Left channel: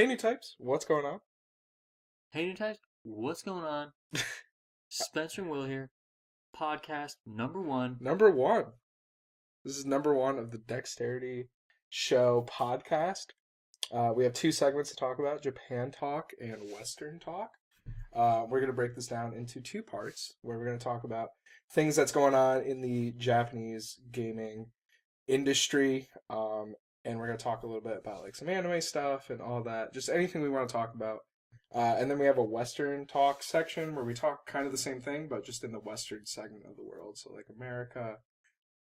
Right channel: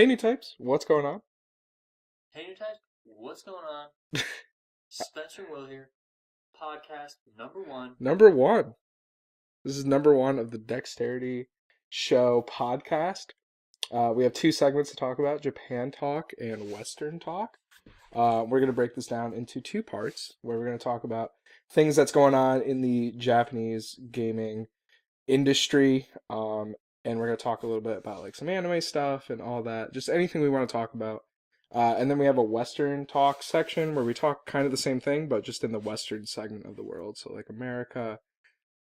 Hey, new types, what's going on? Hey, new types, what's going on? Spencer and Will here. Podcast number one. Number one. This is number one of the Dexterity Show podcast. We have two segments to talk about: Japan talk and Western talk. We're going to break this down into two parts, where we're going to talk about things that's going on in the Japanese gaming industry, and we're going to talk a little bit about like some anime stuff and all that, just anything we want to talk about. And then we have a Western talk section where we talk kind of the same thing, but just in the Western segment of the world. So like America,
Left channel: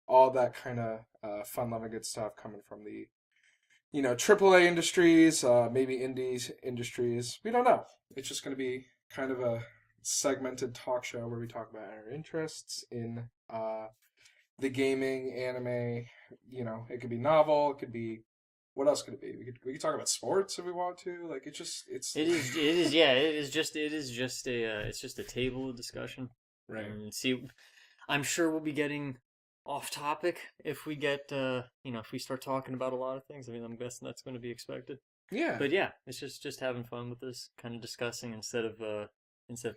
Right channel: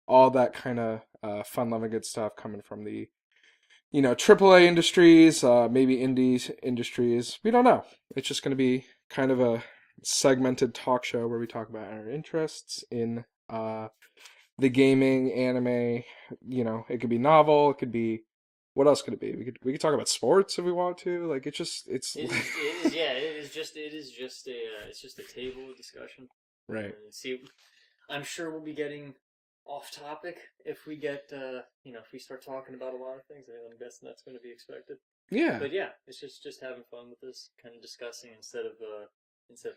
all that kind of fun, loving, good stuff coming from the AAA industries, maybe indies industries. We don't know. It's just going to be kind of a segmented talk show where we talk about our interests in the gaming, anime. It could be novel. It could be what else could it be? We could talk about sports if we want to. Like it's Yeah, it's just a table discussion. right. And see, I'm sure we'll be getting off topic if we get, if we start talking about a lot of things. I mean, I'm guessing that's going to be expected. Yeah, But yeah, it's just having fun with this, kind of discussing instead of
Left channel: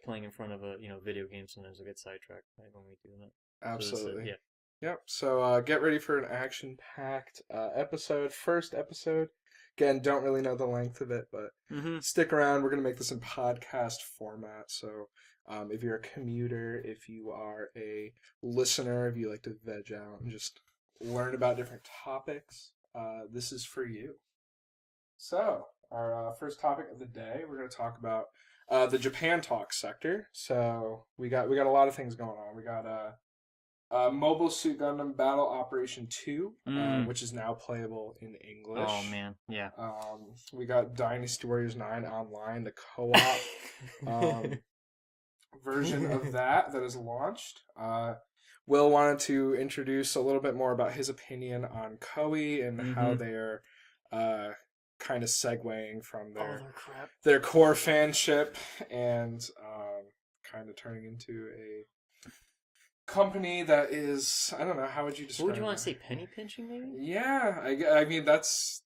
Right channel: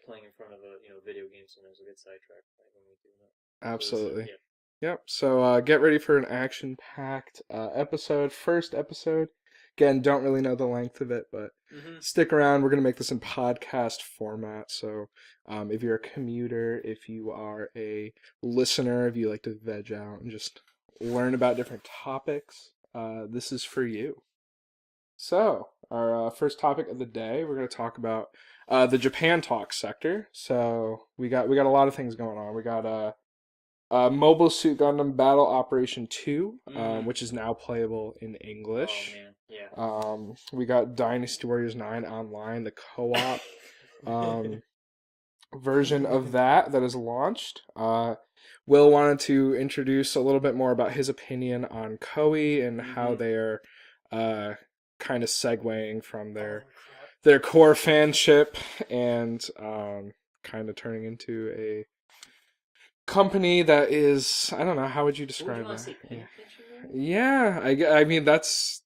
playing in front of a video game. Sometimes we get sidetracked right when we do that. So absolutely. yeah. Yep. So get ready for an action-packed episode. First episode. Again, don't really know the length of it, but Mm-hmm. stick around. We're gonna make this in podcast format. So if you're a commuter, if you are a listener, if you like to veg out and just learn about different topics, this is for you. So our first topic of the day, we're gonna talk about the Japan talk sector. So we got a lot of things going on. We got Mobile Suit Gundam Battle Operation 2, Mm. which is now playable in Oh English. man, yeah. We got Dynasty Warriors 9 Online, the co-op um, version of that is launched. Will wanted to introduce a little bit more about his opinion on Koei and how Mm-hmm. they're uh, kind of segueing from All their their crap. their core fanship and kind of turning into a company that is, I don't know, how would you What would you describe want to that? say? Penny pinching, maybe? Yeah, I mean that's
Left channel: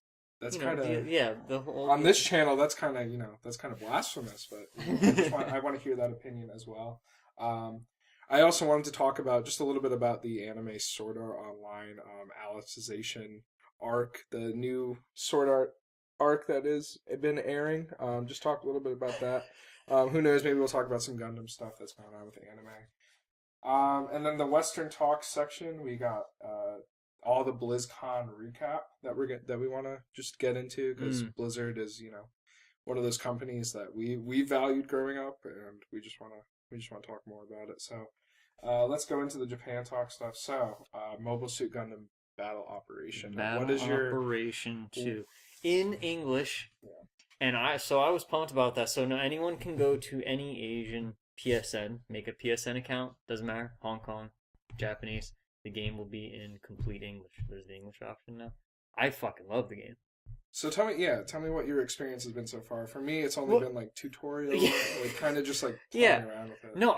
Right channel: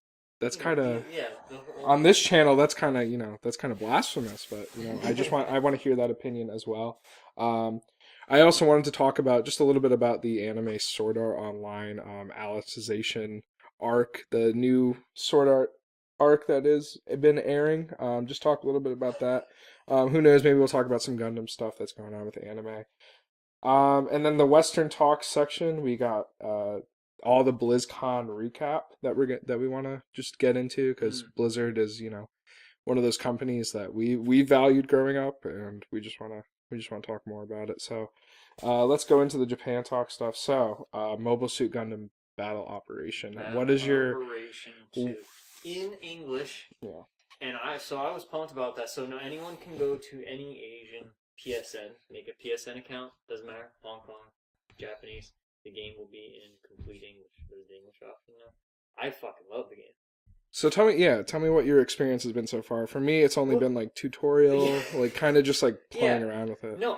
kind of Yeah, the whole. on this channel that's kind of that's kind of blasphemous, but I want to hear that opinion as well. Um, I also wanted to talk about just a little bit about the anime Sword Art Online Alicization arc, the new Sword Art arc that is been airing. Just talk a little bit about that. Who knows? Maybe we'll talk about some Gundam stuff that's going on with the anime. And then the Western Talk section, we got all the BlizzCon recap that we want to just get into because Mm. Blizzard is one of those companies that we valued growing up, and we just want to talk more about it. So let's go into the Japan Talk stuff. So Mobile Suit Gundam Battle Operation. What Battle is your Operation 2 in English, yeah? and I was pumped about that. So now anyone can go to any Asian PSN, make a PSN account. Doesn't matter, Hong Kong, Japanese. The game will be in complete English. There's the English option now. I fucking love the game. So tell me what your experience has been so far. For me, it's only Well, been like tutorial, like kind of just like yeah. playing around with it. No,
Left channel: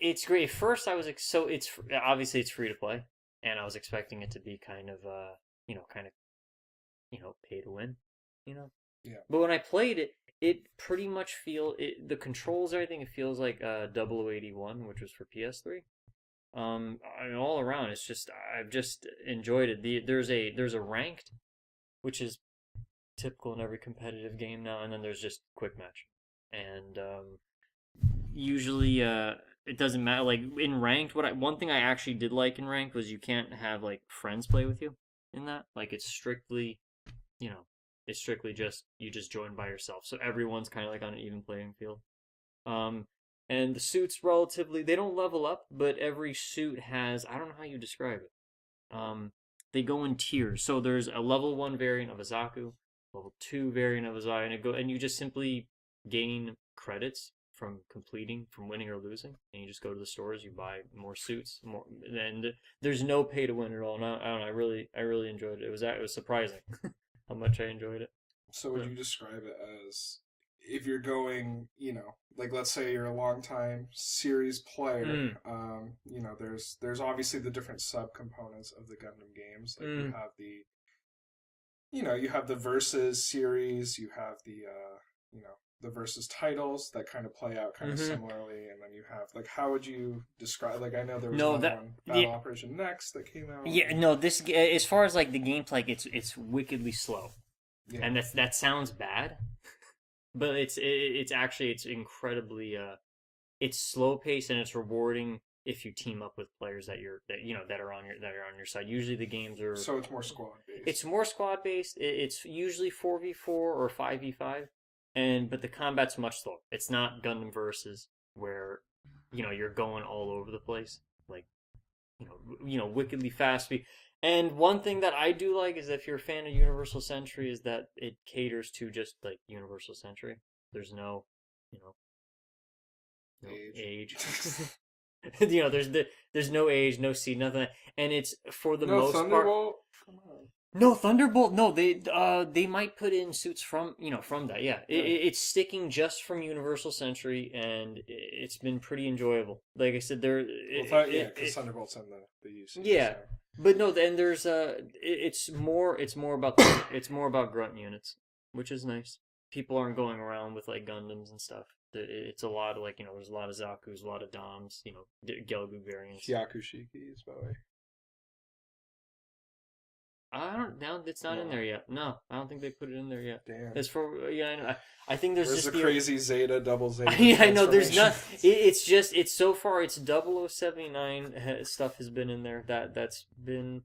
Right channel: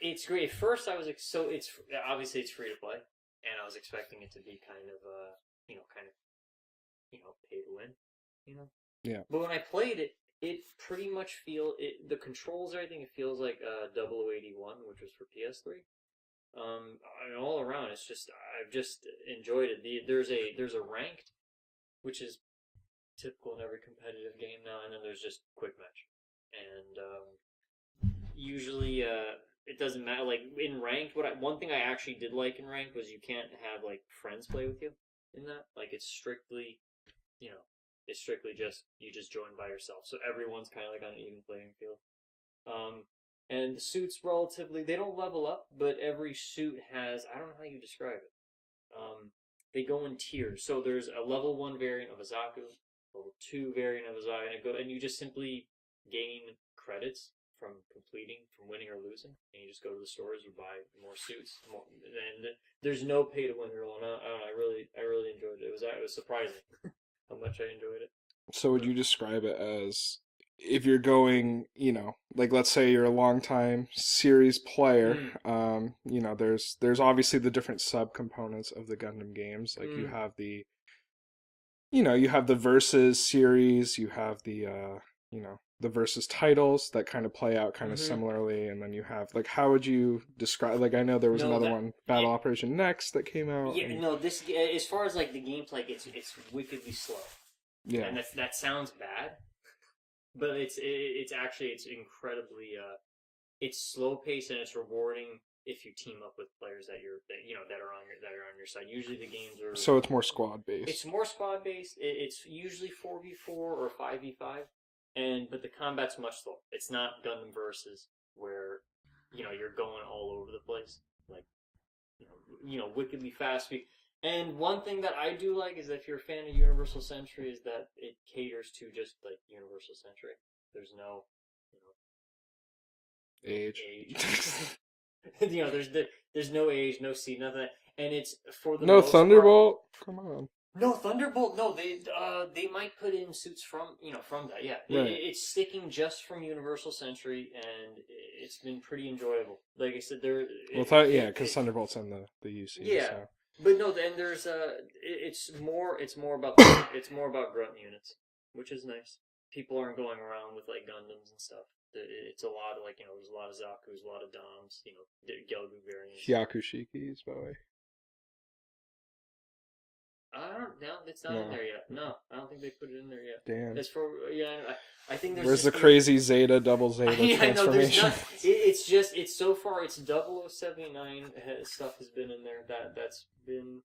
it's great. At first, I was so it's obviously it's free to play, and I was expecting it to be kind of kind of pay to win, you know. Yeah. But when I played it, it pretty much the controls, everything. It feels like 0081, which was for PS3. And all around, I've just enjoyed it. There's a ranked, which is typical in every competitive game now, and then there's just quick match, and usually it doesn't matter. Like in ranked, one thing I actually did like in ranked was you can't have like friends play with you in that. Like you know, it's strictly just you just join by yourself. So everyone's kind of like on an even playing field. Um, and the suits relatively they don't level up, but every suit has I don't know how you describe it. They go in tiers. So there's a level one variant of Azaku, level two variant of Azaku, and you just simply gain credits from winning or losing, and you just go to the stores, you buy more suits, and there's no pay to win at all. And I don't know, I really enjoyed it. It was surprising how much I enjoyed it. So would But you describe it as if you're going, like let's say you're a longtime series player, mm, there's obviously the different subcomponents of the Gundam games. Like you mm, have the you have the Versus series, you have the Versus titles that kind of play out kind of Mm-hmm. similarly, and then you have like, how would you describe, like, I know there was No, another that one, yeah, Battle Operation Next, that came out, yeah, and no. This as far as like the gameplay, like, it's wickedly slow, yeah. and that sounds bad, but it's actually it's incredibly it's slow paced and it's rewarding if you team up with players that are on your side. Usually the games are So it's more squad it's based. more squad based. It's usually 4v4 or 5v5, and but the combat's much slower. It's not Gundam versus where you're going all over the place like wickedly fast. And one thing that I do like is if you're a fan of Universal Century is that it caters to just like Universal Century. There's you know, no Age. age. There's no age, no seed, nothing, and it's for the No most part. Thunderbolt. Come on. No Thunderbolt. No, they might put in suits from that. Yeah, Right. it's sticking just from Universal Century, and it's been pretty enjoyable. Like I said, Well, yeah, because it Thunderbolt's in the UC, yeah, so but no, then there's it's more about grunt units, which is nice. People aren't going around with like Gundams and stuff. It's a lot of like there's a lot of Zaku's, a lot of Doms, Gelgu variants. Hyakushikis, by the way. I don't know. It's not in No, there yet. No, I don't think they put it in there yet. damn. As for I think there's Where's the just crazy Zeta double Zeta I know there's transformation? not. It's just it's so far it's 0079 stuff has been in there. That's been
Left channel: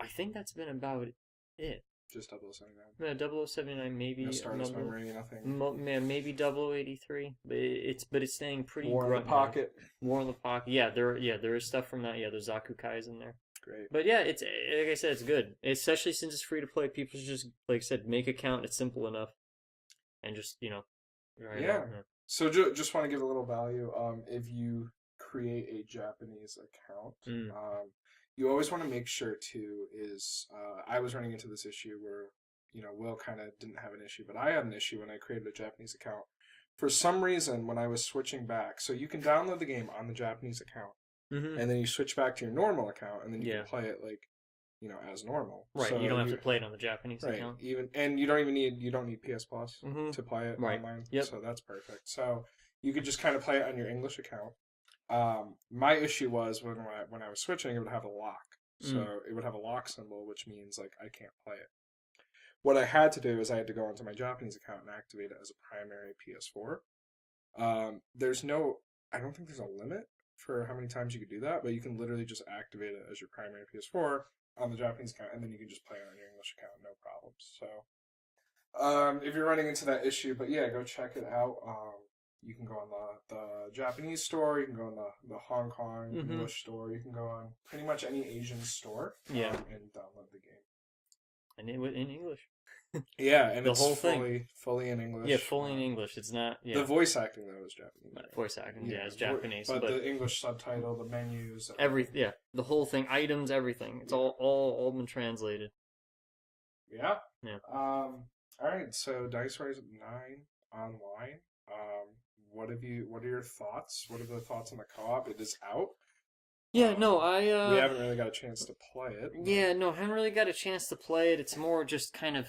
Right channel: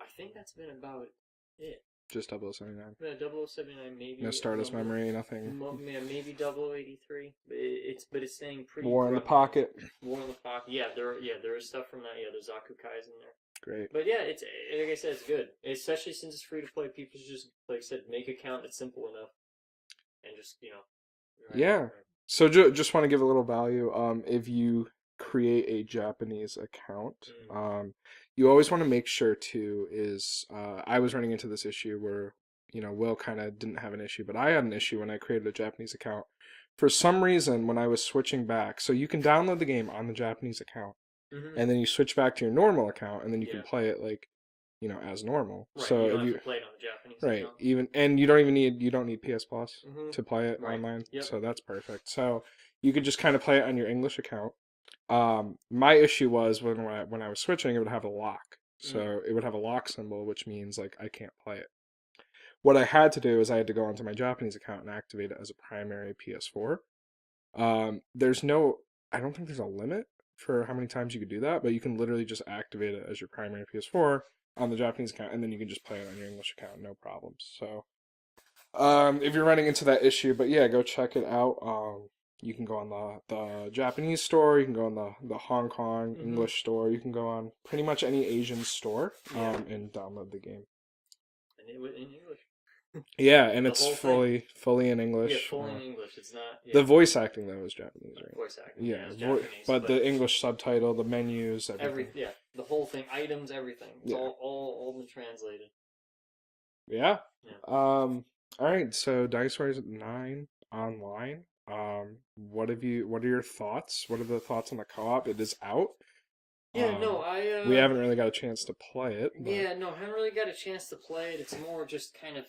I think that's been about it. Just 0079. Yeah, 0079 No maybe Stardust memory, nothing. yeah, maybe 0083, but it's staying pretty War in the grunt unit. pocket. War in the pocket. Yeah, there is stuff from that. Yeah, there's Zaku Kai's in there. Great. But yeah, it's like I said, it's good. Especially since it's free to play. People should just like I said, make an account. It's simple enough, and just right Yeah. on. So just want to give a little value. If you create a Japanese account, Mm. you always want to make sure too is I was running into this issue where Will kind of didn't have an issue, but I had an issue when I created a Japanese account. For some reason, when I was switching back, so you can download the game on the Japanese account, Mm-hmm. and then you switch back to your normal account, and then you can Yeah. play it like as normal. Right. You So don't if have you to play it on the Japanese right, account. even and you don't need PS Plus Mm-hmm. to play it Right. online, Yep. so that's perfect. So you could just kind of play it on your English account. My issue was when I was switching, it would have a lock. Mm. So it would have a lock symbol, which means like I can't play it. What I had to do is I had to go onto my Japanese account and activate it as a primary PS4. There's no, I don't think there's a limit for how many times you could do that, but you can literally just activate it as your primary PS4 on the Japanese account, and then you can just play it on your English account, no problems. So, if you're running into that issue, but yeah, go check it out. You can go on the Japanese store, you can go on the Hong Kong Mm-hmm. English store, you can go on pretty much any Asian store, Yeah. and download the game. And it was in English. Yeah, and The it's whole thing. fully in Yeah, English. fully in English. It's not. The Yeah. voice acting though is Japanese, right? Voice acting. Yeah, Yeah, it's Japanese, but the English subtitle, the menus, everything. yeah, the whole thing, items, everything. It's Yeah, all been translated. yeah. Yeah. All right. So Dinosaurs 9 online. What have you? What are your thoughts? What are the thoughts on the co-op? It is out. Yeah. No, We haven't really got a chance to play it, but Yeah, no, haven't really got a chance to play it. It's more just kind of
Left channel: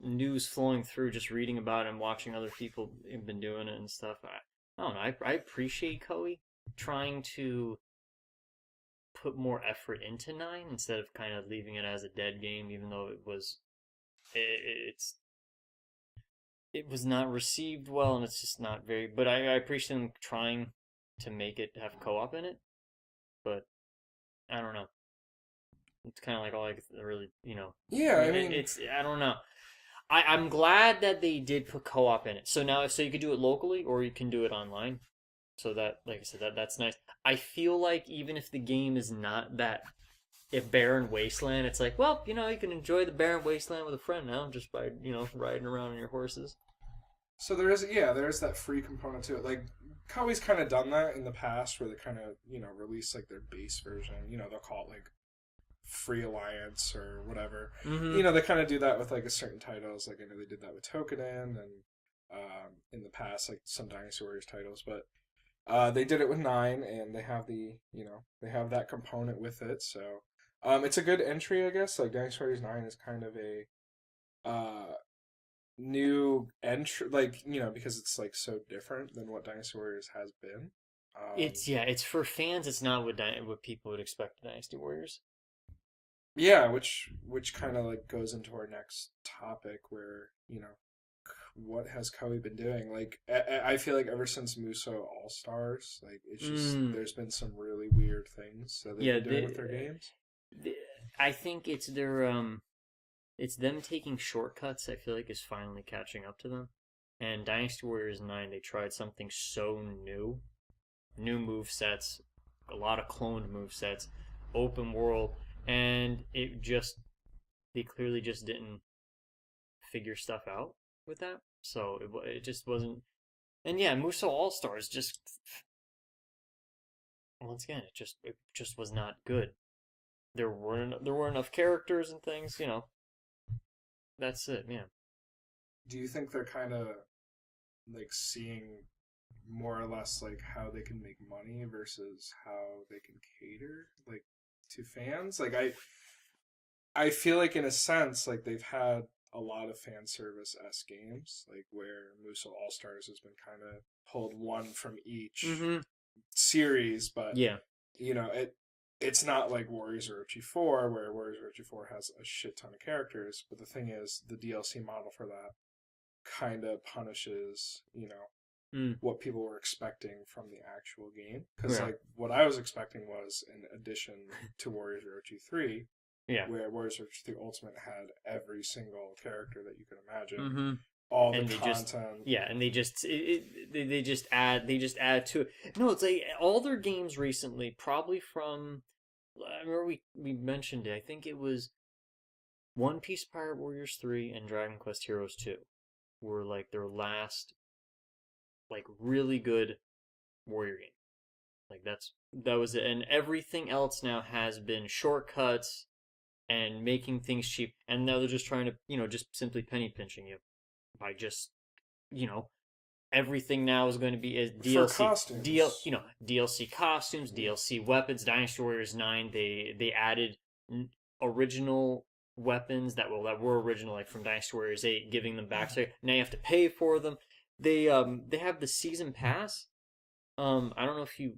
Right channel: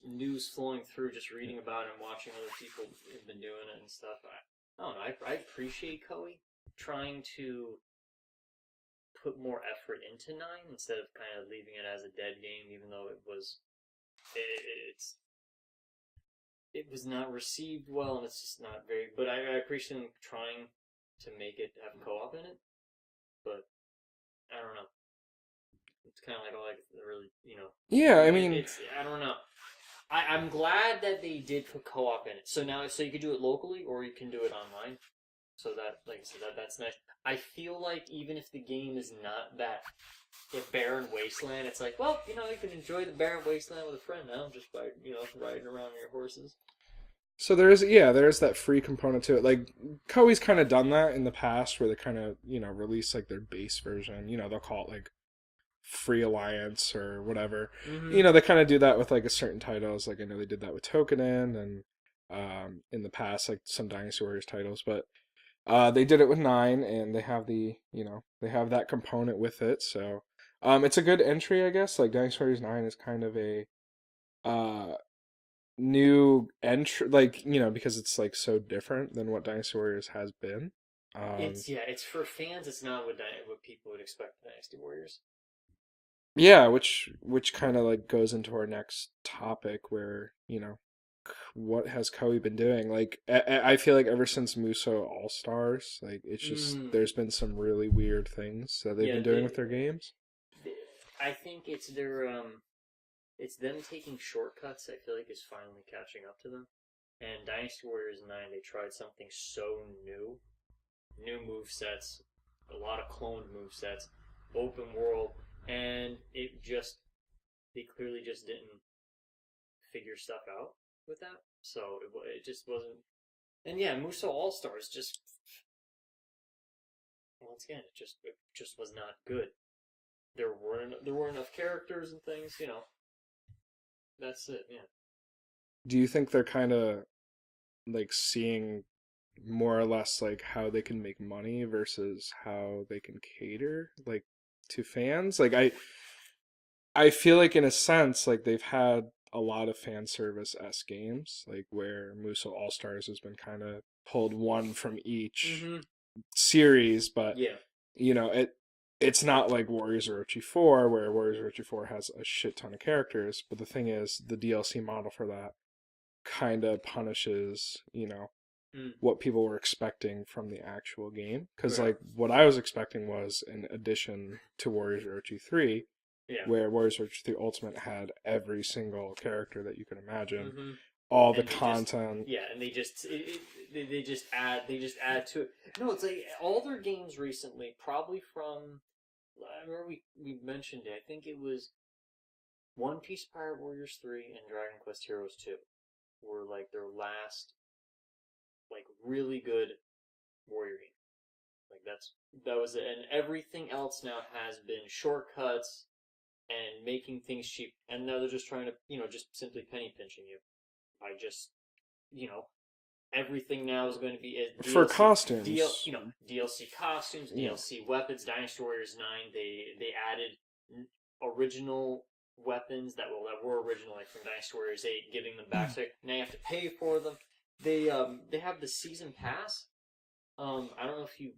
news flowing through, just reading about it and watching other people have been doing it and stuff. I don't know. I appreciate Koei trying to put more effort into nine instead of kind of leaving it as a dead game, even though it's it was not received well and it's just not very. But I appreciate them trying to make it have co-op in it, but I don't know. It's kind of like all I could really, yeah. I mean, it's I don't know. I'm glad that they did put co-op in it. So now, so you could do it locally or you can do it online. So that, like I said, that's nice. I feel like even if the game is not that, if barren wasteland, it's like, well, you can enjoy the barren wasteland with a friend now, just by riding around on your horses. so there is that free component to it. Like Koei's kind of done that in the past, where they kind of release like their base version. They'll call it like Free Alliance or whatever. Mm-hmm. They kind of do that with like a certain titles. Like I know they did that with Tokenin and in the past like some Dynasty Warriors titles, but they did it with 9 and they have they have that component with it. So it's a good entry, I guess. Like Dynasty Warriors 9 is kind of a uh new entry, like, because it's like so different than what Dynasty Warriors has been. Um It's for fans. It's not what people would expect of Dynasty Warriors. yeah, which kind of like goes into our next topic where, what has Koei been doing? Like I feel like ever since Muso All Stars, like it's just Mm, there's been some really weird things that they've yeah, been doing with their games. the, I think it's it's them taking shortcuts. I feel like is finally catching up to them. And Dynasty Warriors 9, they tried something so new move sets, a lot of cloned move sets, open world, and they clearly just didn't figure stuff out with that. So it just wasn't. And yeah, Muso All Stars just once again it just was not good. There weren't enough characters and things. That's it, man. Do you think they're kind of like seeing more or less like how they can make money versus how they can cater like to fans? Like I feel like in a sense like they've had a lot of fan service s games like where Muso All Stars has been kind of pulled one from each Mm-hmm. series, but Yeah. it's not like Warriors Orochi 4 where Warriors Orochi 4 has a shit ton of characters, but the thing is the DLC model for that kind of punishes, Mm. what people were expecting from the actual game. Because, Yeah. like, what I was expecting was an addition to Warriors Orochi 3, Yeah. where Warriors Orochi 3 Ultimate had every single character that you can imagine, Mm-hmm. all the And they just content. yeah, and they just add to it. No, it's like all their games recently, probably from I remember we mentioned it. I think it was One Piece Pirate Warriors 3 and Dragon Quest Heroes 2 were like their last like really good warrior game. Like that was it. And everything else now has been shortcuts and making things cheap. And now they're just trying to, just simply penny pinching you by just, you know, everything now is going to be as For DLC, costumes, DLC costumes, yeah. DLC weapons. Dynasty Warriors 9, they added original weapons that were original, like from Dynasty Warriors 8, giving them back. So now you have to pay for them. They have the season pass. I don't know if you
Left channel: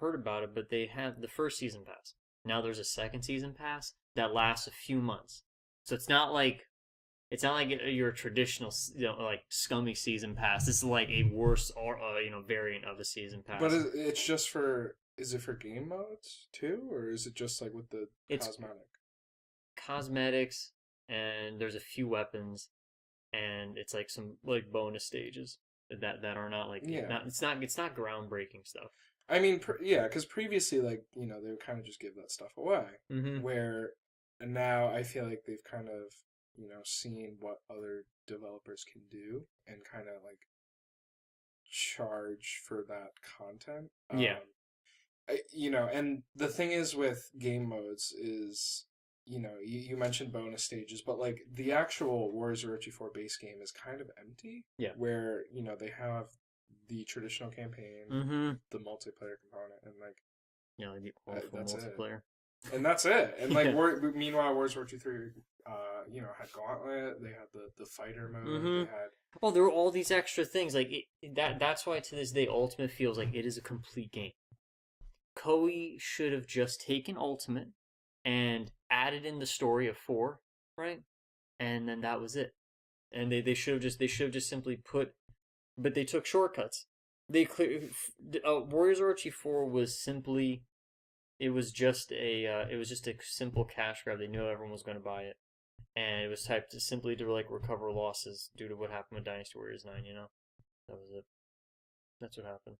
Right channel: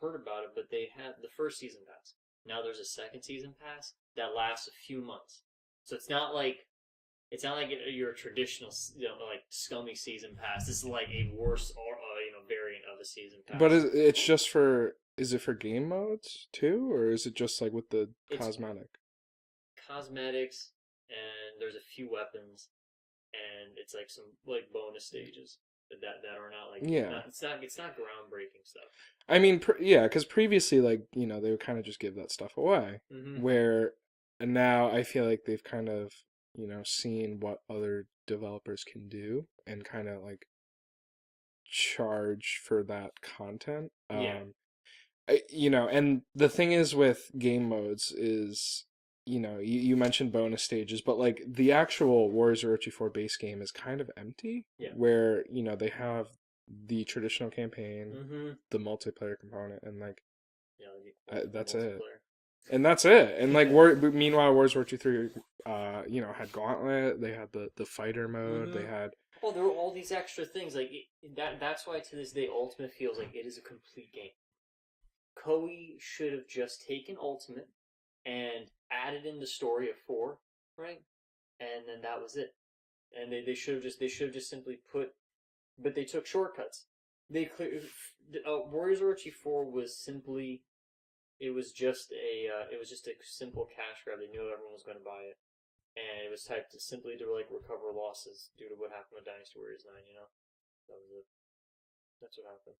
heard about it, but they have the first season pass. Now there's a second season pass that lasts a few months. So it's not like your traditional, like scummy season pass. This is like a worse or variant of a season But pass. it's just for, is it for game modes too? Or is it just like with the It's cosmetic? cosmetics and there's a few weapons and it's like some like bonus stages that are not like Yeah. not it's not groundbreaking stuff. I mean, yeah, because previously, like, they would kind of just give that stuff away. Mm-hmm. Where and now I feel like they've kind of, seen what other developers can do and kind of like charge for that content. Yeah. And the thing is with game modes is, you mentioned bonus stages, but like the actual Warriors Orochi 4 base game is kind of empty, Yeah. where, they have the traditional campaign, Mm-hmm. the multiplayer component, and like Like the awful that's it. multiplayer. And that's it. And like Yeah. meanwhile, Wars War 2 3, had Gauntlet, they had the fighter mode, Mm-hmm. they had Well, there were all these extra things. Like that's why to this day, Ultimate feels like it is a complete game. Koei should have just taken Ultimate and added in the story of four, right? And then that was it. And they should have just simply put, but they took shortcuts. They clear Warriors Orochi 4 was simply it was just a simple cash grab. They knew everyone was going to buy it, and it was typed simply to like recover losses due to what happened with Dynasty Warriors 9. That was it. That's what happened.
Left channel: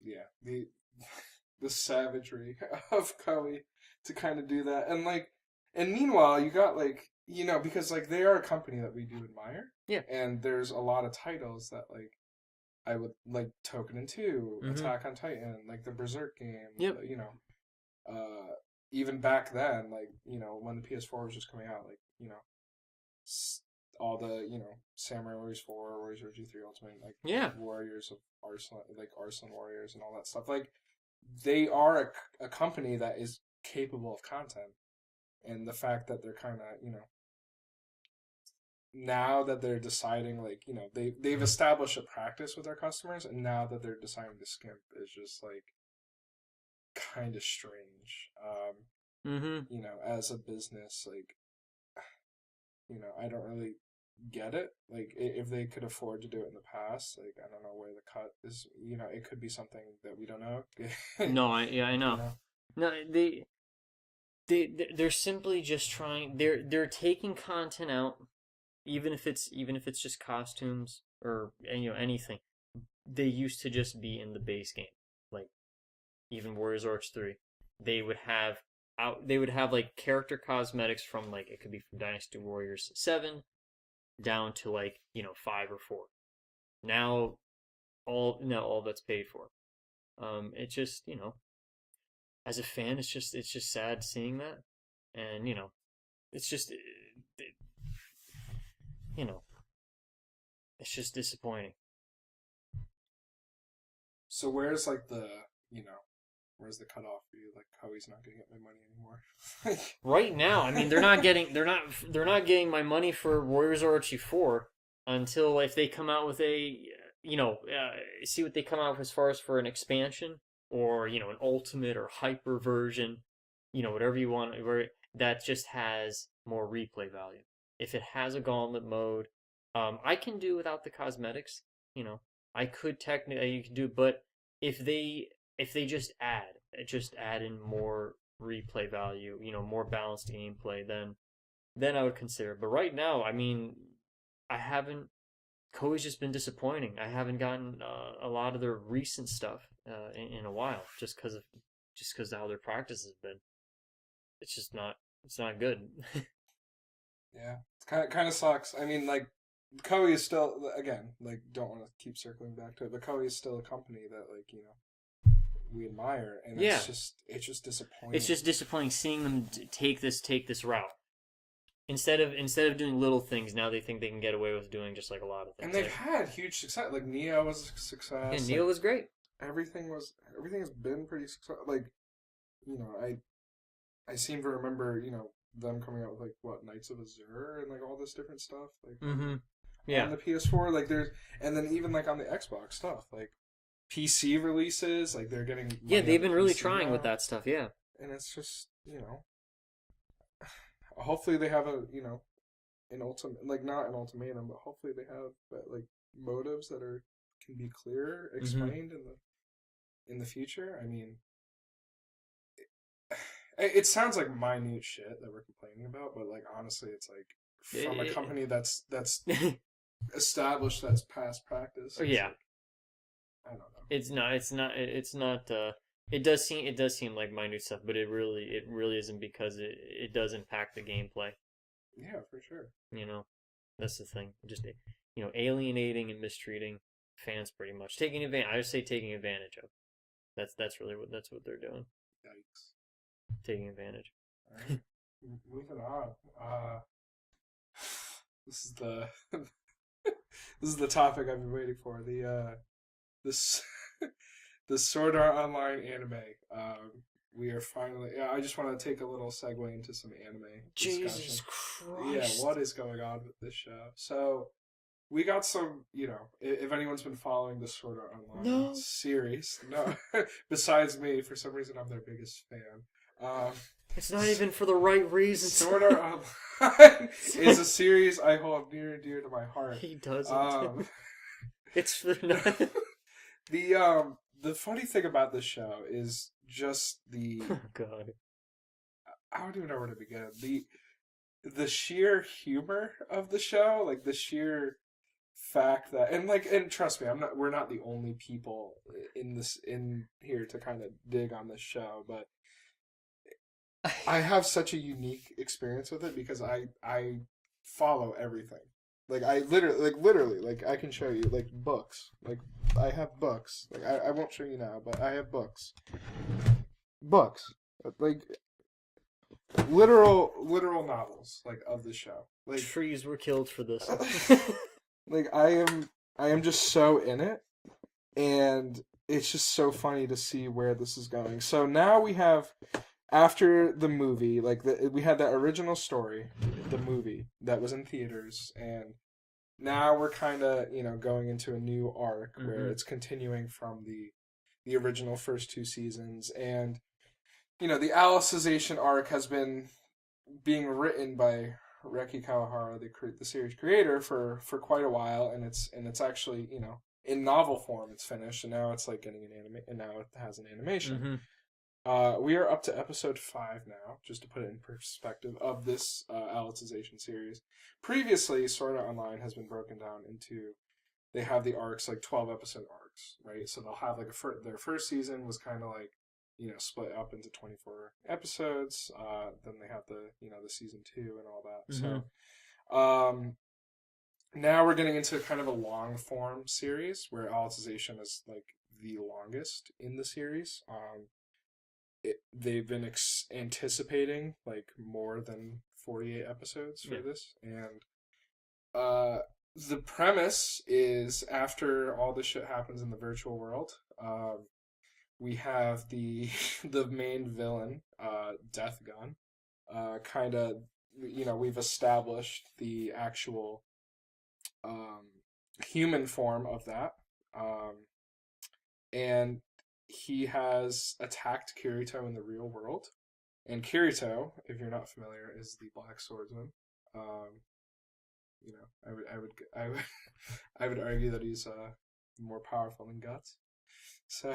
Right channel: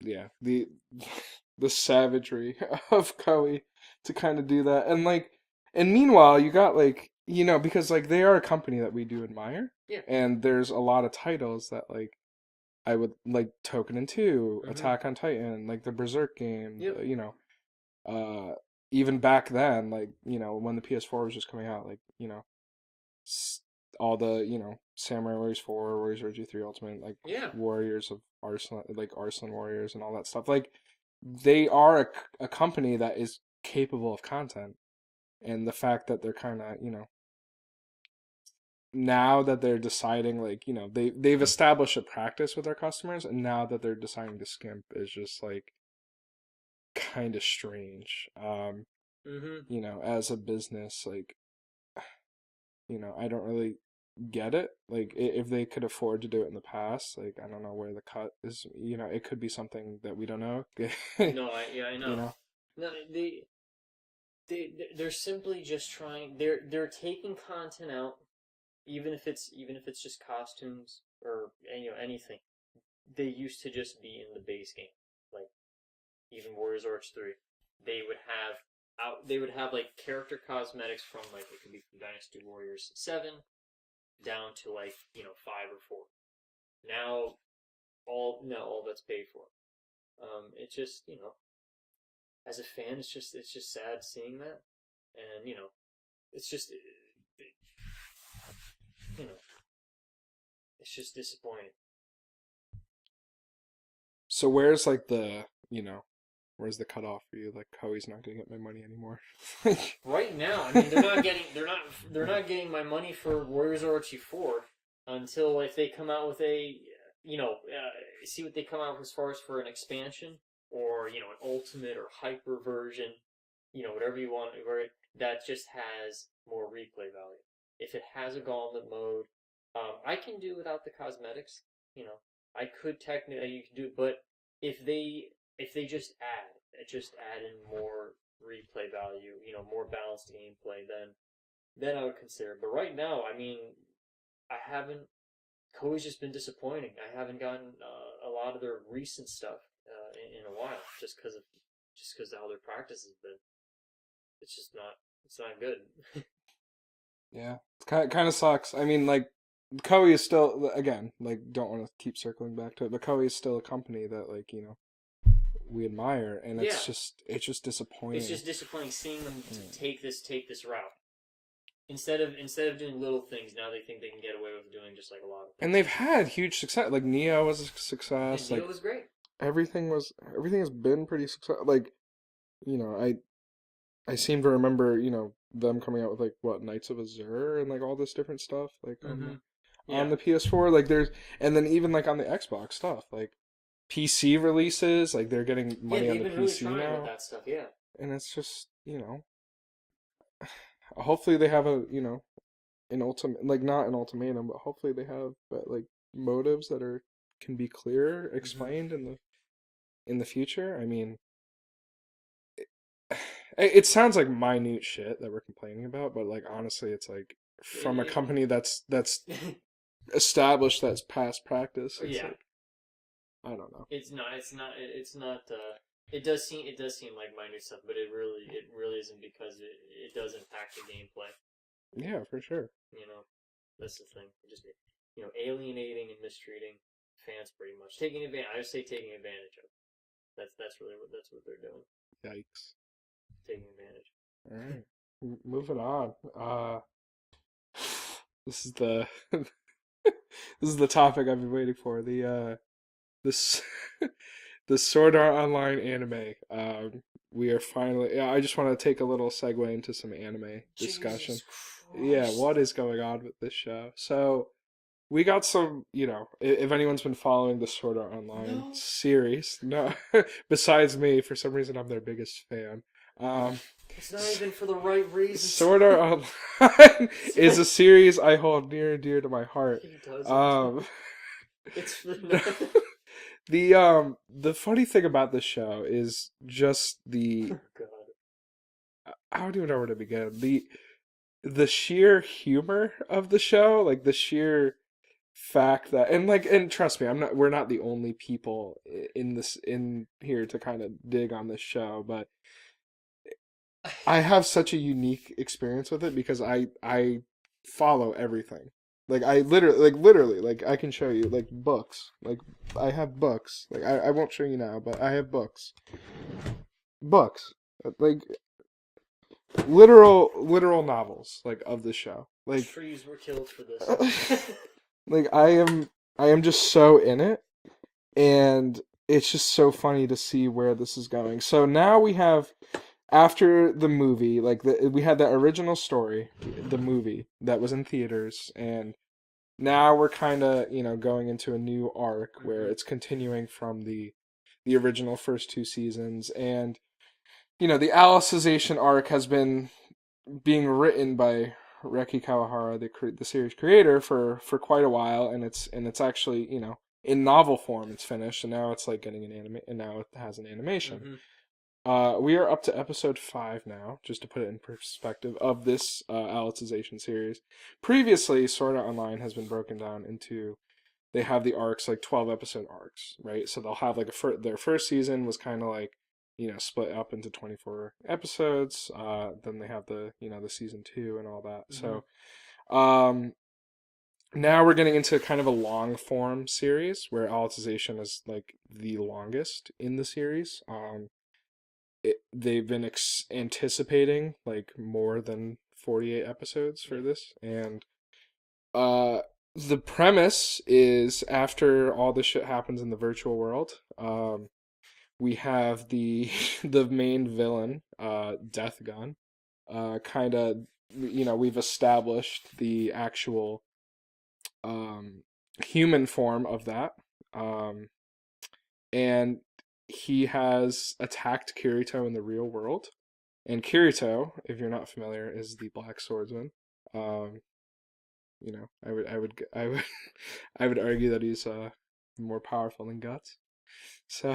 yeah, the savagery of Koei to kind of do that. And meanwhile, you got like, because like they are a company that we do admire, Yeah. and there's a lot of titles that like I would like, Token and 2, Mm-hmm. Attack on Titan, like the Berserk game, Yep. uh even back then, like, when the PS4 was just coming out, like, all the, Samurai Warriors 4, Warriors Orochi 3 Ultimate, like Yeah. Warriors of Arslan, like Arslan Warriors and all that stuff. Like they are a company that is capable of content, and the fact that they're kind of, now that they're deciding, like, they've established a practice with their customers, and now that they're deciding to skimp is just like kind of strange. Mm-hmm. As a business, like, I don't really get it. Like, if they could afford to do it in the past, like, I don't know where the cut is. It could be something that we don't know. No, I you know. know. No, they're simply just trying. They're taking content out, even if it's just costumes or anything. They used to just be in the base game, like even Warriors Orcs 3. They would have like character cosmetics from, like, it could be from Dynasty Warriors 7 down to, like, 5 or 4. Now all that's paid for. It just, as a fan, it's just sad seeing that, and it's just you know it's just disappointing. So where's like where's the cutoff for you? Like, Koei's not gonna get my money anymore. Right now, I mean, they're not getting my money for Warriors Orochi 4 until if they come out with see what they come out with as far as for an expansion, or an ultimate or hyper version, whatever you want, where that just has more replay value. If it has a gauntlet mode, I can do without the cosmetics. I could technically, you can do, but if they just add in more replay value, more balanced gameplay, then I would consider it. But right now, I mean, I haven't. Koei's just been disappointing. I haven't gotten a lot of their recent stuff in a while, just because of how their practice has been. It's just not. It's not good. Yeah, it kind of sucks. I mean, like, Koei is still, again, like, don't want to keep circling back to it, but Koei is still a company that, like, we admire, and Yeah, it's just disappointing. it's just disappointing seeing them take this route. Instead of doing little things, now they think they can get away with doing just like a lot of And things. they've had huge success. Like, Neo was a success. And Like, Neil was great. everything has been pretty successful. Like, I seem to remember, them coming out with, like, what, Knights of Azure and, like, all this different stuff, like, Mm-hmm. on Yeah. the PS4. Like, and then even, like, on the Xbox stuff, like, PC releases, like, they're getting Yeah, money on they've the been really PC trying with now, that stuff. Yeah. and it's just, hopefully they have an ultimate, like, not an ultimatum, but hopefully they have, like, motives that can be clear Mm-hmm. explained in the future. I mean, it sounds like minute shit that we're complaining about, but, like, honestly, it's like, from a company that's established, that's past practice. It's Yeah. like, I don't know. It's not. It's not. It's not. It does seem like minute stuff, but it really isn't, because it does impact the gameplay. Yeah, for sure. You know, that's the thing. Just alienating and mistreating fans, pretty much taking advantage. I would say taking advantage of. That's what they're doing. Yikes. Taking advantage. All right, moving on. This is the this is the topic I've been waiting for. This the Sword Art Online anime. We are finally. Yeah, I just want to take a little segue into some anime discussion. Jesus Yeah, Christ. what is going on with this show? So we got some. If anyone's been following the Sword Art Online No. series, no, besides me, for some reason I'm their biggest fan. Um, It's not even for the right reasons. Sword Art Online is a series I hold near and dear to my heart. He doesn't. Um, It's for the funny thing about this show is just Oh God. I don't even know where to begin. The sheer humor of the show, like, the sheer fact that, and trust me, we're not the only people in here to kind of dig on this show, but I have such a unique experience with it because I follow everything. Like, I literally, like, I can show you, like, books. Like, I have books. Like, I won't show you now, but I have books. Books. Like, literal novels, like, of the show. Like, Trees were killed for this. like, I am just so in it, and it's just so funny to see where this is going. So now we have after the movie, like we had that original story, the movie that was in theaters, and now we're kind of going into a new arc where Mm-hmm. it's continuing from the original first two seasons, and the Alicization arc has been being written by Reki Kawahara, the series creator, for quite a while, and it's actually in novel form it's finished, and now it's like getting an anime, and now it has an animation. Mm-hmm. We are up to episode 5 now, just to put it in perspective of this Alicization series. Previously, Sword Art Online has been broken down into, they have the arcs like 12 episode arcs, right? So they'll have like their first season was kind of like split up into 24 episodes. Then they have the season 2 and all that. Mm-hmm. So um now we're getting into kind of a long form series where Alicization is like the longest in the series. They've been anticipating like more than 48 episodes for Yeah. this, and uh the premise is, after all this shit happens in the virtual world, we have the the main villain, Death Gun, kind of, we've established the actual um human form of that, um and he has attacked Kirito in the real world. And Kirito, if you're not familiar, is the Black Swordsman. Um, I would I would argue that he's more powerful than Guts. So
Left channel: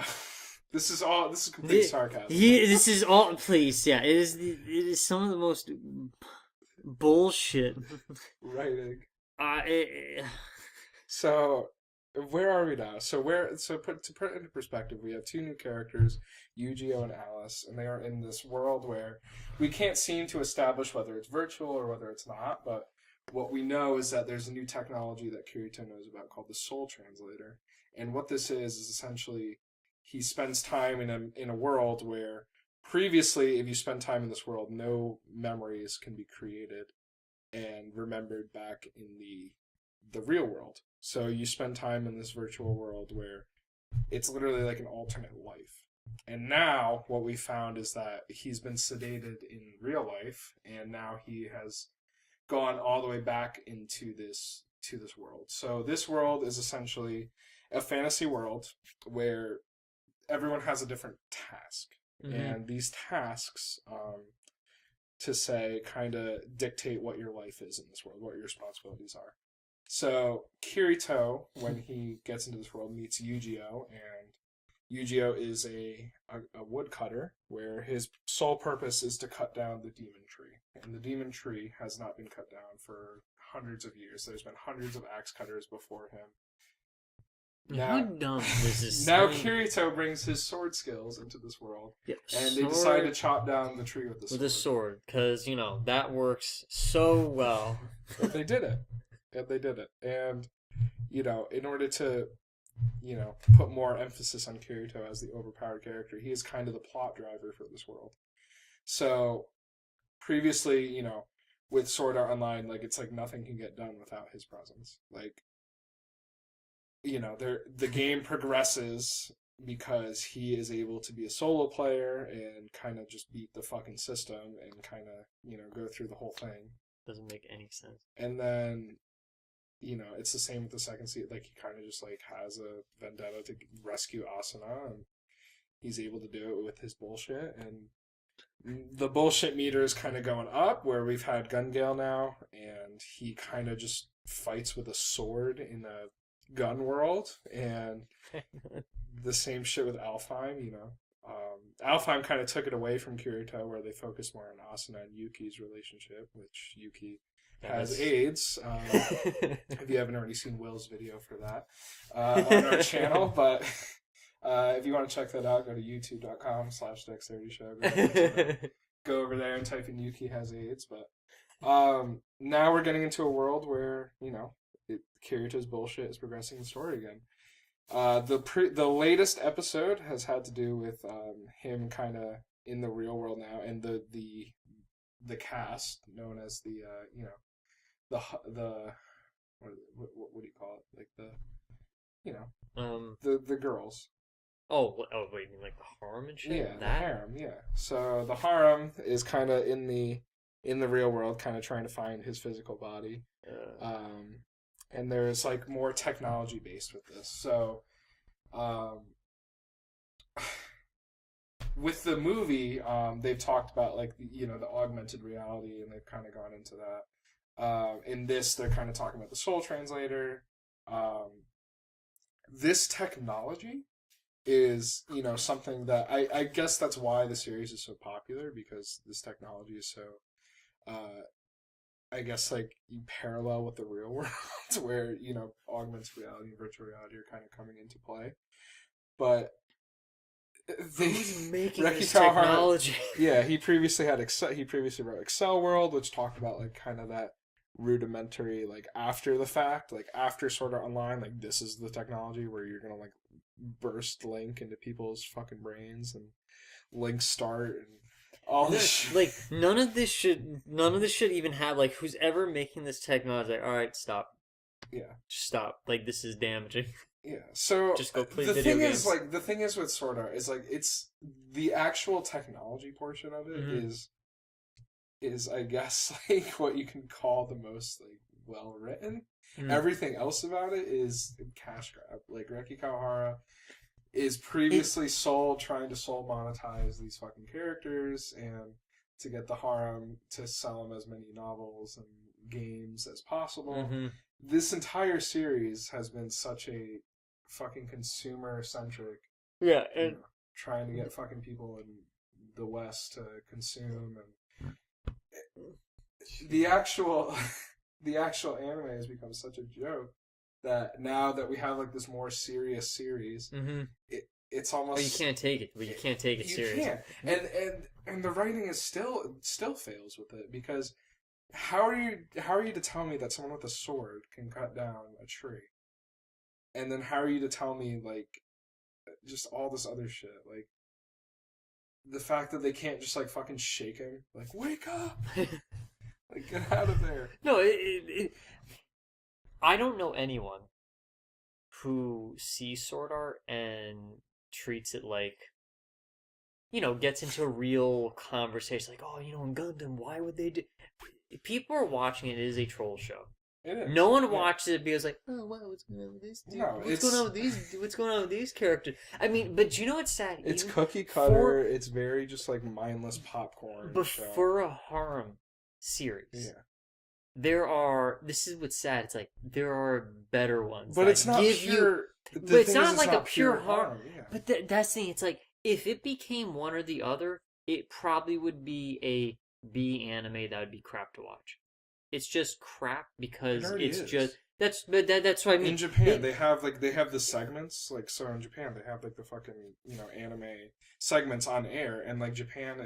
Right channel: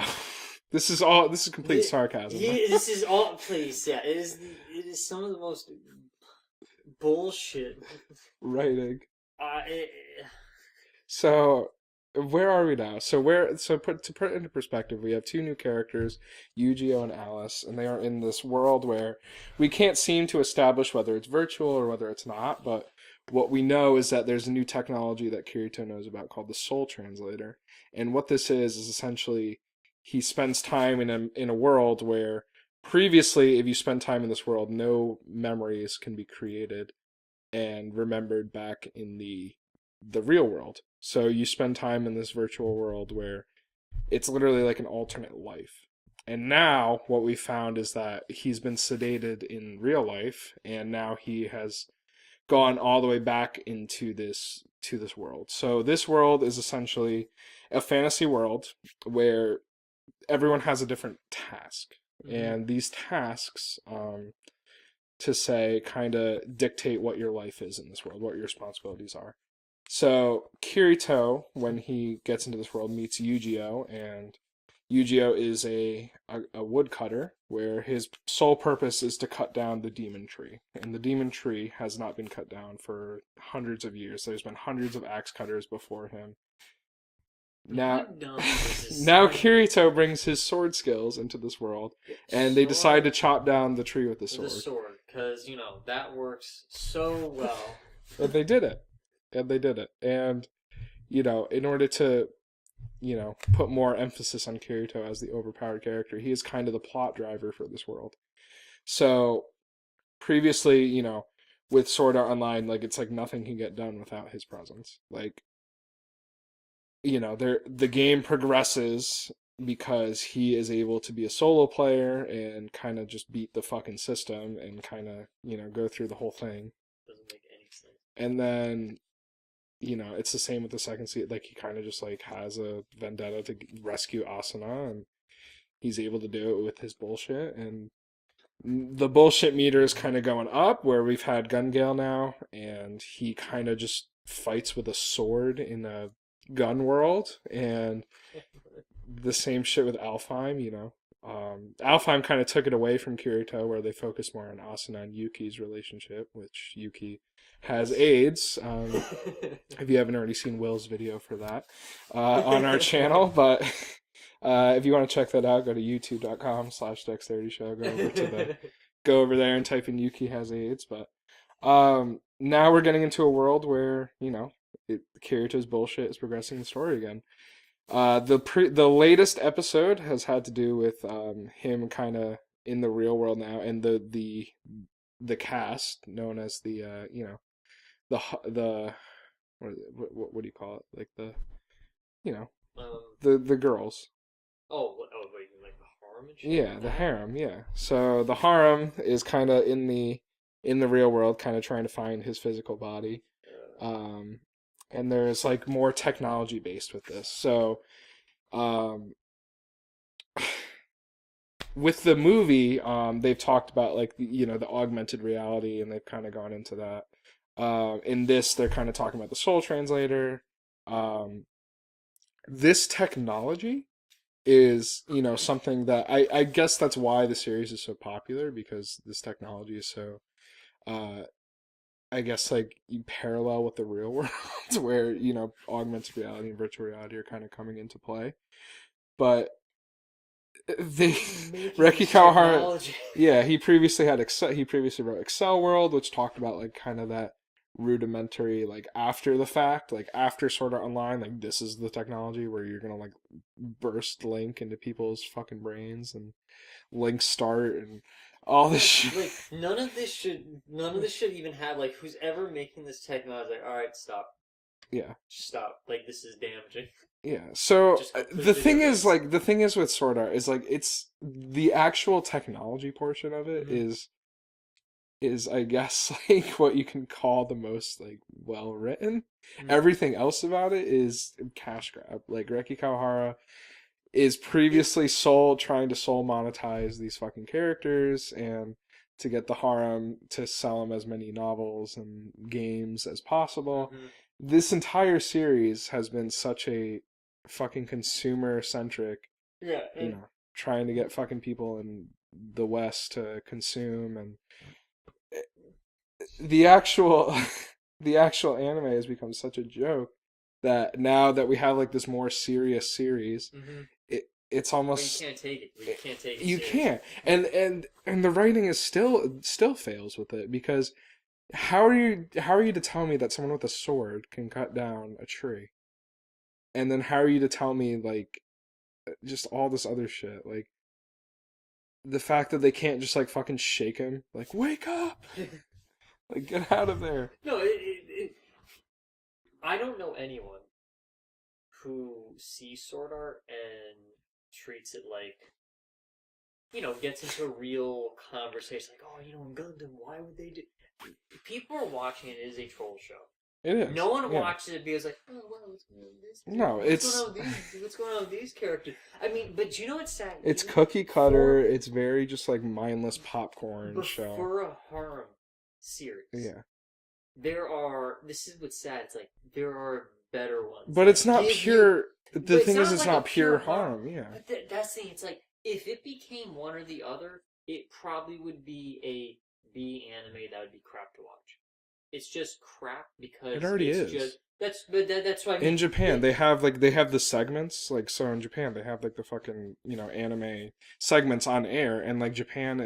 this is complete sarcasm. This is all. Please, yeah. It is some of the most bullshit. Writing. It, So where are we now? To put it into perspective, we have two new characters, Yu-Gi-Oh and Alice, and they are in this world where we can't seem to establish whether it's virtual or whether it's not, but what we know is that there's a new technology that Kirito knows about called the Soul Translator. And what this is essentially he spends time in a world where previously, if you spend time in this world, no memories can be created and remembered back in the real world. So you spend time in this virtual world where it's literally like an alternate life. And now what we found is that he's been sedated in real life, and now he has gone all the way back into this world. So this world is essentially a fantasy world where everyone has a different task. mm-hmm. And these tasks, to say, kind of dictate what your life is in this world, what your responsibilities are. So Kirito, when he gets into this world, meets Yu-Gi-Oh, and Yu-Gi-Oh is a woodcutter where his sole purpose is to cut down the demon tree. And the demon tree has not been cut down for hundreds of years. There's been hundreds of axe cutters before him. Now Gundam versus now Kirito brings his sword skills into this world, yeah, and they decide to sword chop down the tree with the with a sword. sword, because that works so well. And they did it. And they did it. And in order to put more emphasis on Kirito as the overpowered character, he is kind of the plot driver for this world. So previously, with Sword Art Online, like it's like nothing can get done without his presence. Like, the game progresses because he is able to be a solo player and kind of just beat the fucking system and kind of, go through the whole thing. Doesn't make any sense. And then it's the same with the second season. Like he kind of just like has a vendetta to rescue Asuna, and he's able to do it with his bullshit. And the bullshit meter is kind of going up, where we've had Gun Gale now, and he kind of just fights with a sword in a gun world, and the same shit with Alfheim. Alfheim kind of took it away from Kirito, where they focus more on Asuna and Yuki's relationship, which Yuki has AIDS. If you haven't already seen Will's video for that on our channel, but if you want to check that out, go to youtube.com/DexterityShow. Go over there and type in Yuki has AIDS. But now we're getting into a world where Kirito's bullshit is progressing the story again. The latest episode has had to do with him kind of in the real world now, and the cast known as the what do you call it, like the you know um, the girls, Oh, wait, you mean like the harem and shit? Yeah, the That? harem. Yeah. So the harem is kind of in the real world, kind of trying to find his physical body. Uh, Um, and there's like more technology based with this. So um, with the movie, they've talked about like the augmented reality, and they've kind of gone into that. In this, they're kind of talking about the soul translator. Um, this technology is something that I guess that's why the series is so popular, because this technology is so uh I guess like you parallel with the real world where augmented reality and virtual reality are kind of coming into play. But they who's making Reki this Kawahara, technology? yeah, he previously wrote Excel World, which talked about like kind of that rudimentary, like after the fact, like after Sword Art Online, like this is the technology where you're gonna like burst Link into people's fucking brains, and Link start and all this shit. Like none of this should even have like who's ever making this technology. Like, all right, stop, Yeah. just stop. Like this is damaging. Yeah. So Just go play the video thing is, games. like, the thing is with Sword Art is like it's the actual technology portion of it Hmm. is I guess like what you can call the most like well written. Mm. Everything else about it is cash grab. Like Reki Kawahara is It. previously trying to soul monetize these fucking characters, and to get the harem to sell them as many novels and games as possible. Hmm. This entire series has been such a fucking consumer centric, Yeah, you and know, trying to get fucking people in the West to consume, and the actual the actual anime has become such a joke that now that we have like this more serious series, hmm it's but you almost can't take it. But you can't take it you serious. can't. And the writing is still fails with it, because how are you to tell me that someone with a sword can cut down a tree, and then how are you to tell me like just all this other shit, like the fact that they can't just like fucking shake him, like wake up, like get out of there. No, I don't know anyone who sees sword art and treats it like gets into a real conversation like, oh, in Gundam, why would they do? People are watching it. It is a troll show. It No is, one yeah. watches it because like, oh wow, what's going on with this dude? No, What's going on it's with these? What's going on with these characters? I mean, but you know what's sad? it's Even cookie cutter. for It's very just like mindless popcorn but show. for a harem series, Yeah, there are. This is what's sad. It's like there are better ones but it's that not give you. pure. But The it's thing is, not it's like a not pure pure harm. harm. Yeah. But that's the thing. It's like if it became one or the other, it probably would be a B anime that would be crap to watch. It's just crap It because already it's just is. that's what I mean. In Japan, they have the segments, like, so in Japan they have like the fucking anime segments on air, and like Japan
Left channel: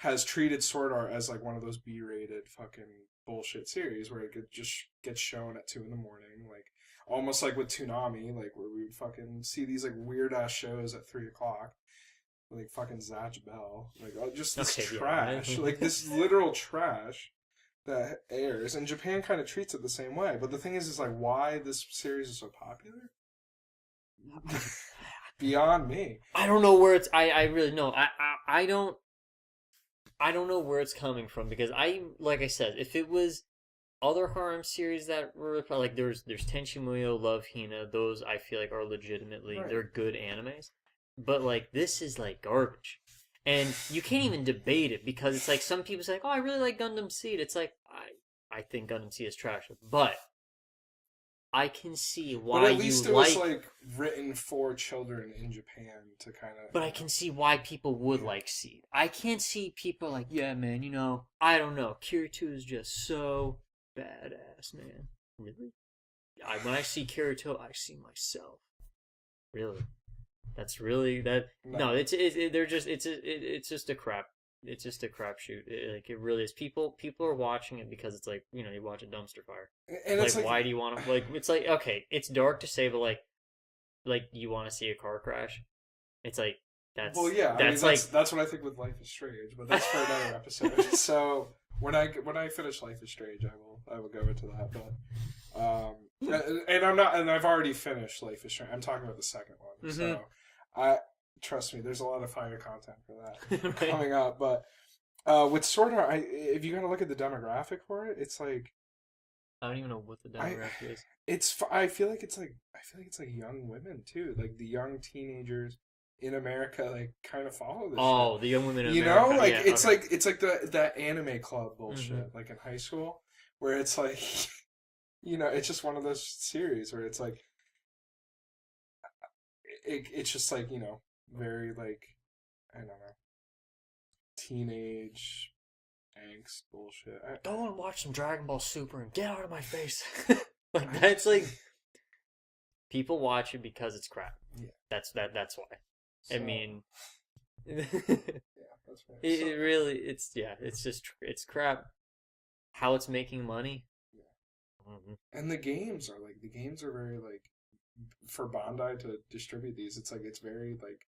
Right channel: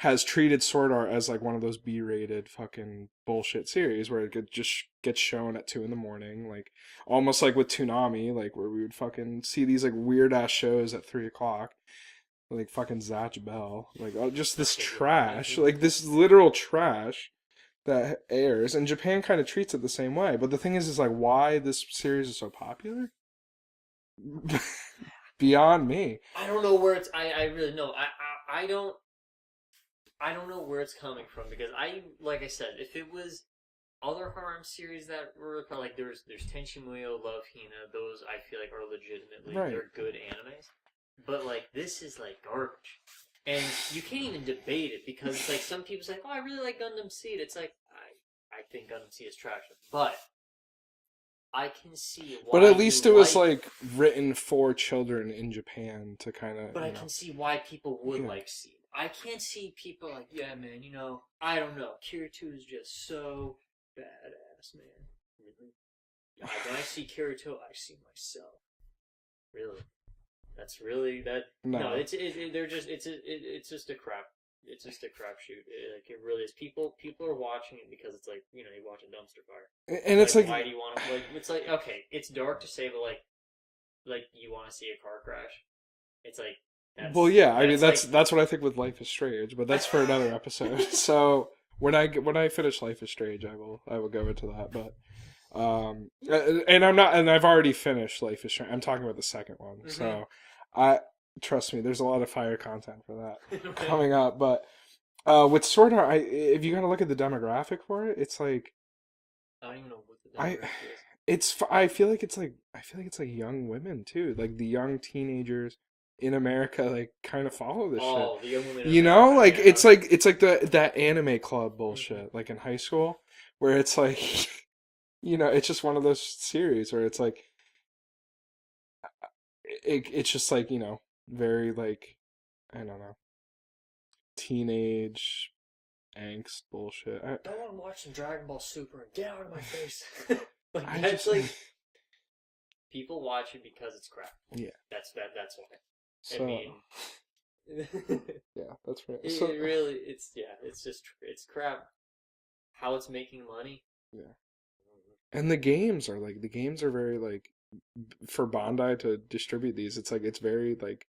has treated Sword Art as like one of those B-rated fucking bullshit series where just gets shown at 2 in the morning, like almost like with Toonami, like where we would fucking see these like weird ass shows at 3 o'clock, like fucking Zatch Bell, like just this Okay, trash, like yeah. this literal trash that airs, and Japan kind of treats it the same way. But the thing is like why this series is so popular beyond me. I don't know where it's. I really know. I don't know where it's coming from because like I said, if it was other harem series that were like there's Tenchi Muyo, Love Hina, those I feel like are legitimately Right. they're good animes, but like this is like garbage, and you can't even debate it because it's like some people say, like, oh, I really like Gundam Seed. It's like I think Gundam Seed is trash, but I can see But why at you least it was like. like written for children in Japan to kind of, But I can see why people would yeah. like Seed. I can't see people like, yeah, man, I don't know. Kirito is just so badass, man. Really? When I see Kirito, I see myself. Really? That's really that. No, No. they're just it's just a crap. It's just a crapshoot. Like it really is. People are watching it because it's like you watch a dumpster fire. And Like it's like, why do you want to like? It's like okay, it's dark to say, but like you want to see a car crash. It's like well, that's yeah, I mean that's like that's what I think with Life is Strange, but that's for another episode. So when I finish Life is Strange, I will go into that. But and I've already finished Life is Strange. I'm talking about the second one. hmm So I trust me, there's a lot of fire content for that Right? coming up. But with Sword Art, if you gotta look at the demographic for it, it's like I don't even know what the I demographic is. I feel like it's like young women too, like the young teenagers in America, like kind of follow this shit. Oh, the young women in You know, America. like Yeah. Okay. it's like the that anime club Hmm. bullshit, like in high school, where it's like, it's just one of those series where it's like it's just like very like I don't know, teenage angst bullshit. Go and watch some Dragon Ball Super and get out of my face. Like I that's just like people watch it because it's crap. yeah. That's why. I So mean, it, yeah, that's right. So it really it's just it's crap. How it's making money. yeah, Mhm. and the games are very like for Bandai to distribute these. It's like it's very like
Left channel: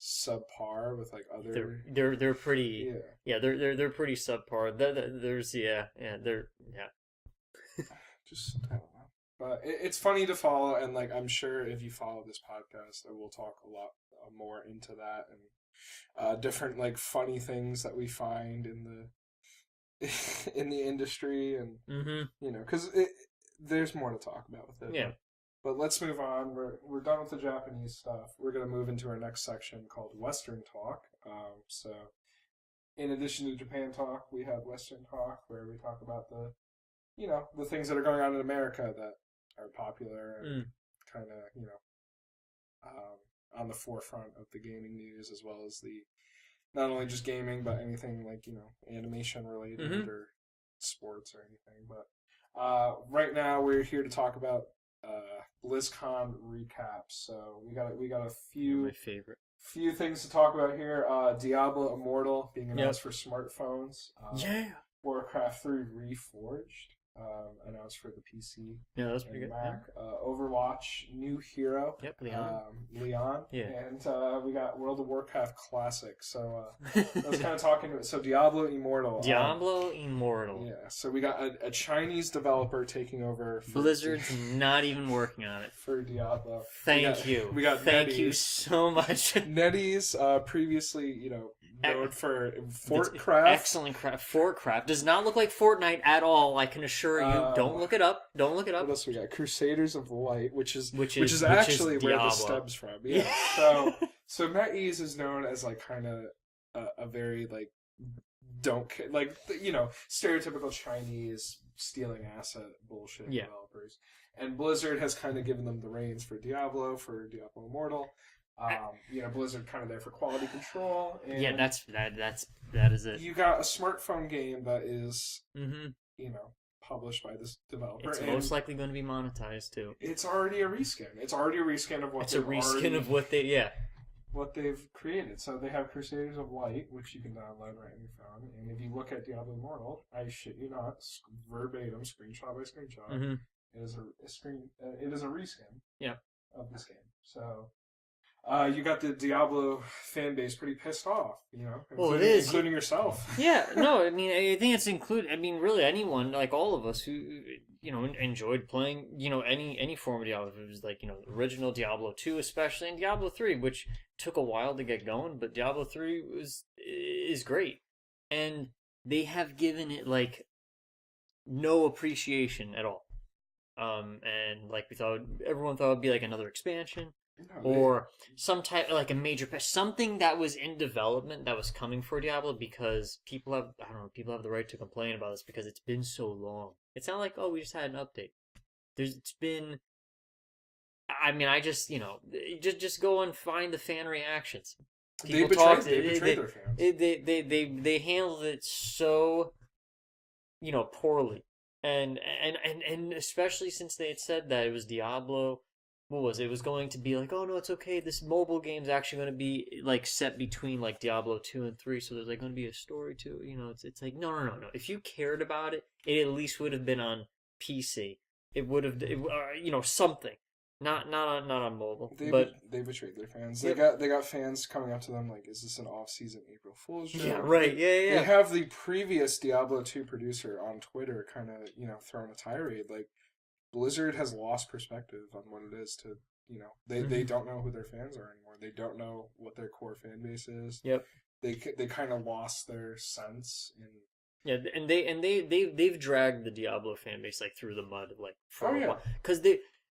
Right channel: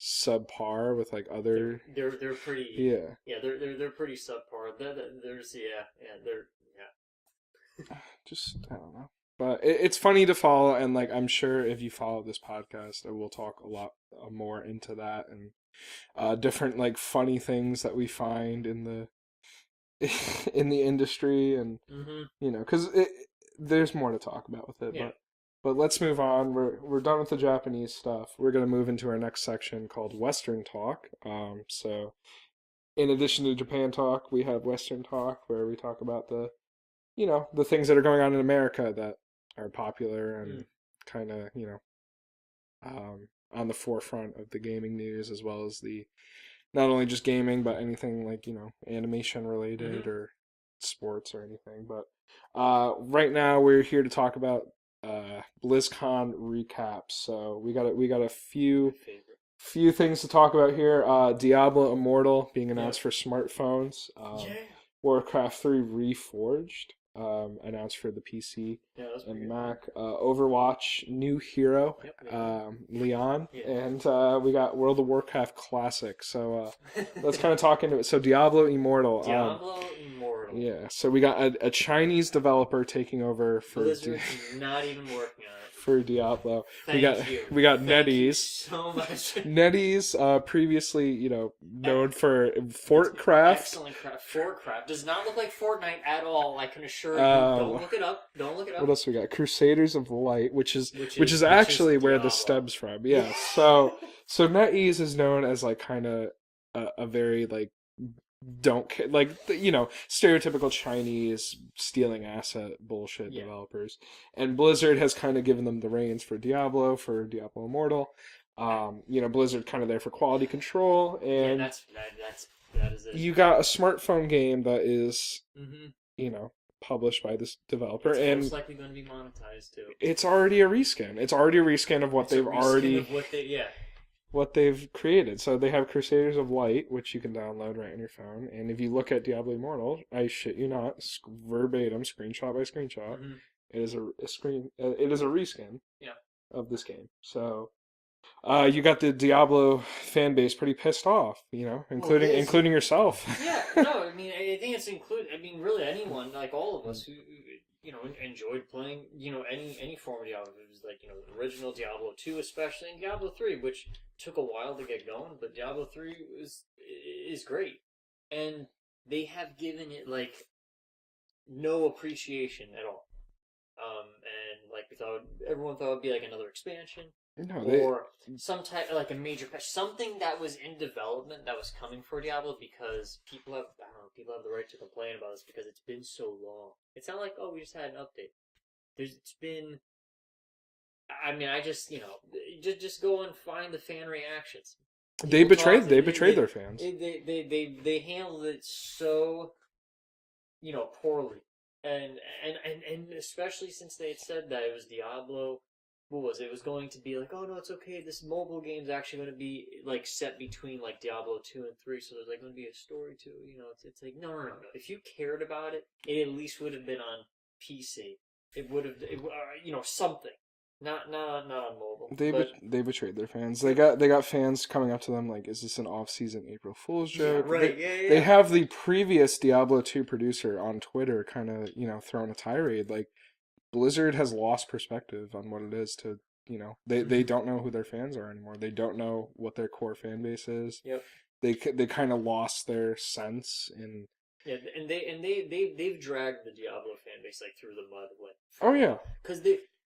subpar with like They're other they're pretty yeah. yeah they're pretty subpar. There's yeah they're yeah. Just I don't know. But it's funny to follow, and like I'm sure if you follow this podcast, we'll talk a lot more into that and different like funny things that we find in the in the industry, and Hmm. because there's more to talk about with it. Yeah. But let's move on. We're done with the Japanese stuff. We're gonna move into our next section called Western Talk. So in addition to Japan Talk, we have Western Talk where we talk about the things that are going on in America that are popular and Mm. kind of, on the forefront of the gaming news, as well as the not only just gaming, but anything like, animation related Hmm. or sports or anything. But right now we're here to talk about BlizzCon recaps. So we got a My few favorite. things to talk about here. Diablo Immortal being Yep. announced for smartphones. Yeah. Warcraft 3 Reforged, announced for the PC Yeah, that's pretty and good. Mac. Overwatch, new hero, Yep, Leon. Leon. Yeah. And we got World of Warcraft Classic. So let's kind of talk into it. So Diablo Immortal. Diablo Immortal. Yeah, so we got a Chinese developer taking over Blizzard's not even working on it. for Diablo. Thank you. We got Thank you NetEase. so much. NetEase, previously, known for Fortcraft. Excellent craft. Fortcraft does not look like Fortnite at all. I can assure you. Don't look it up. Don't look it What up. else we got? Crusaders of the Light, which is Which actually is where the Diablo. stems from. Yeah. So NetEase is known as like kind of a very like don't care like stereotypical Chinese stealing asset bullshit Yeah. developers, and Blizzard has kind of given them the reins for Diablo Immortal. Blizzard kind of there for quality control, Yeah, and that is it. you got a smartphone game that is Mm-hmm. published by this developer, It's and most likely going to be monetized too. it's already a reskin. It's already a reskin of what It's a they've reskin already of what they what they've created. So they have Crusaders of Light, which you can download right on your phone. And if you look at Diablo Immortal, I shit you not, verbatim, screenshot by screenshot, Mm-hmm. it is a screen. It is a reskin. Yeah. Of this game. So. You got the Diablo fan base pretty pissed off, including yourself. Yeah, no, I mean, I think it's include. I mean, really, anyone like all of us who enjoyed playing any form of Diablo. It was like the original Diablo 2, especially, and Diablo 3, which took a while to get going, but Diablo 3 is great, and they have given it like no appreciation at all. And like everyone thought it'd be like another expansion No, or some type like a major patch, something that was in development that was coming for Diablo because people have the right to complain about this because it's been so long. It's not like we just had an update. It's been. I mean, I just just go and find the fan reactions. they People betrayed talk- they betrayed their fans. they handled it so poorly, and especially since they had said that it was Diablo. What was it? It was going to be like, oh no, it's okay. This mobile game's actually going to be like set between like Diablo 2 and 3, so there's like going to be a story to it. It's like no. If you cared about it, it at least would have been on PC. It would have, something. Not on mobile. They betrayed their fans. Yep. They got fans coming up to them like, "Is this an off-season April Fool's joke?" Yeah, right. They have the previous Diablo 2 producer on Twitter kind of throwing a tirade like Blizzard has lost perspective on what it is to they don't know who their fans are anymore. They don't know what their core fan base is. Yep. They kind of lost their sense in. Yeah, and they've dragged the Diablo fan base like through the mud like Oh for a yeah, while because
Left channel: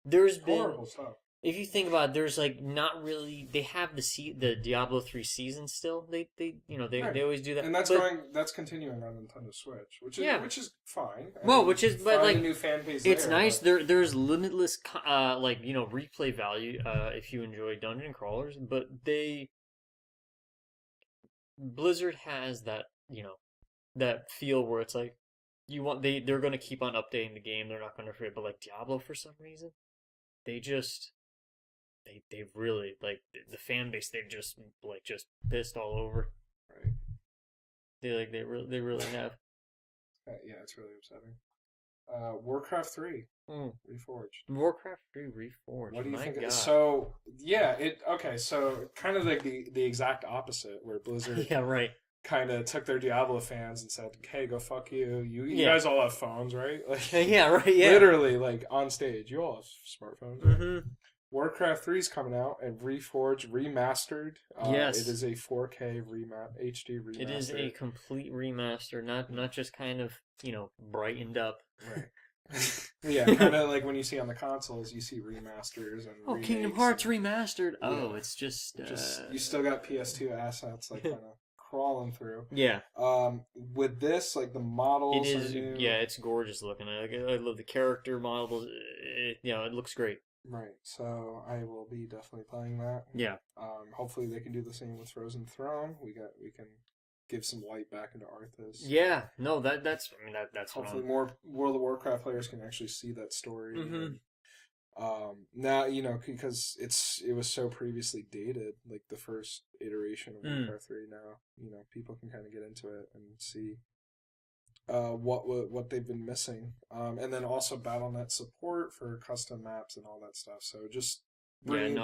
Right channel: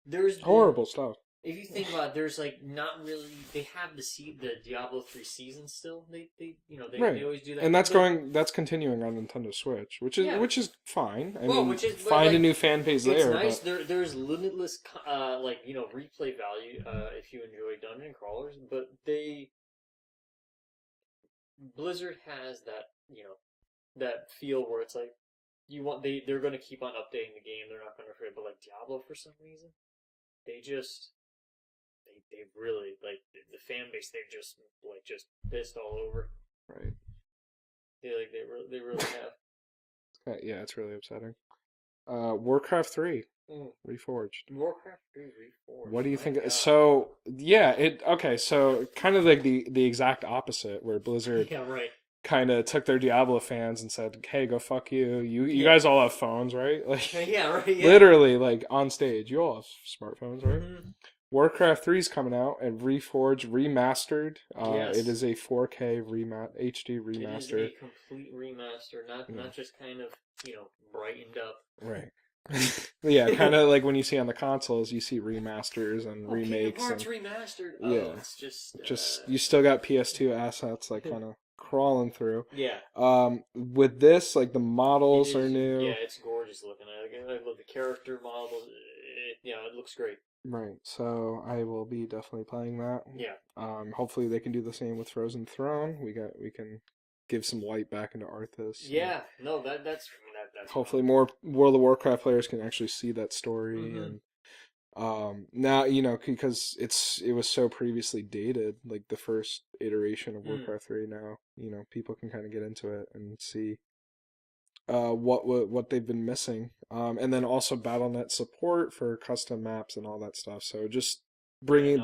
there's been horrible stuff. if you think about it, there's like not really they have the Diablo 3 season still Right. they always do that And but that's continuing on Nintendo Switch, yeah which is fine. I well mean, which is but find a like new fan base it's there. nice But there's limitless like replay value if you enjoy dungeon crawlers but Blizzard has that that feel where it's like they're gonna keep on updating the game. They're not gonna forget. But like Diablo, for some reason, they just they really like the fan base. They've just pissed all over. right. They really have. Yeah, it's really upsetting. Warcraft 3 Mm. Reforged. Warcraft 3 Reforged. What do you My think? God. So yeah, so kind of like the exact opposite, where Blizzard Yeah. Right. kind of took their Diablo fans and said, "Hey, go fuck you. You Yeah. guys all have phones, right? Like Yeah. Right. Yeah. literally, like on stage, you all have smartphones, right?" Mm-hmm. Warcraft 3 is coming out and Reforged remastered. Yes. It is a 4K HD It is remaster. a complete remaster, not just kind of brightened up. Right. Yeah, kind of like when you see on the consoles, you see remasters and remakes. Kingdom Hearts and, remastered. yeah, Oh, it's just you still got PS2 assets like kind of crawling through. yeah. With this, like the models are new. Yeah, it's gorgeous looking. I love the character models. It looks great. Right. So I will be definitely playing that. Yeah. Hopefully they can do the same with Frozen Throne. We can give some light back into Arthas. Yeah. No, that's Hopefully fun. more World of Warcraft players can actually see that story Mhm. and now because it was so previously dated, like the first iteration of Warcraft 3. Now people can kind of get into it and see what they've been missing, and then also BattleNet support for custom maps and all that stuff. So just breathing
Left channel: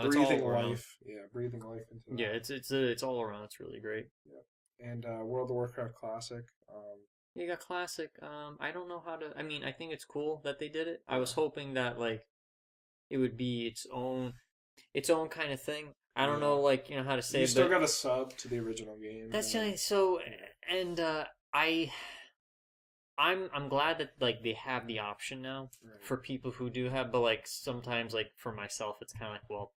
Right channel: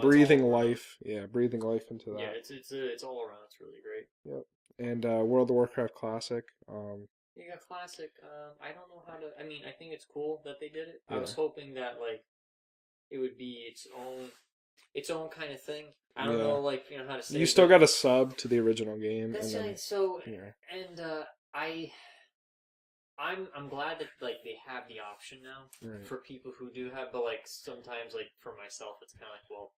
life into that. Yeah, it's all around. It's really great. Yep. And World of Warcraft Classic. You got classic. I don't know how to. I mean, I think it's cool that they did it. I Yeah. was hoping that like it would be its own kind of thing. I don't Yeah. know, like how to say. You still got a sub to the original game. That's and then, right. So, yeah. and I'm glad that like they have the option now Right. for people who do have, but like sometimes like for myself, it's kind of like well.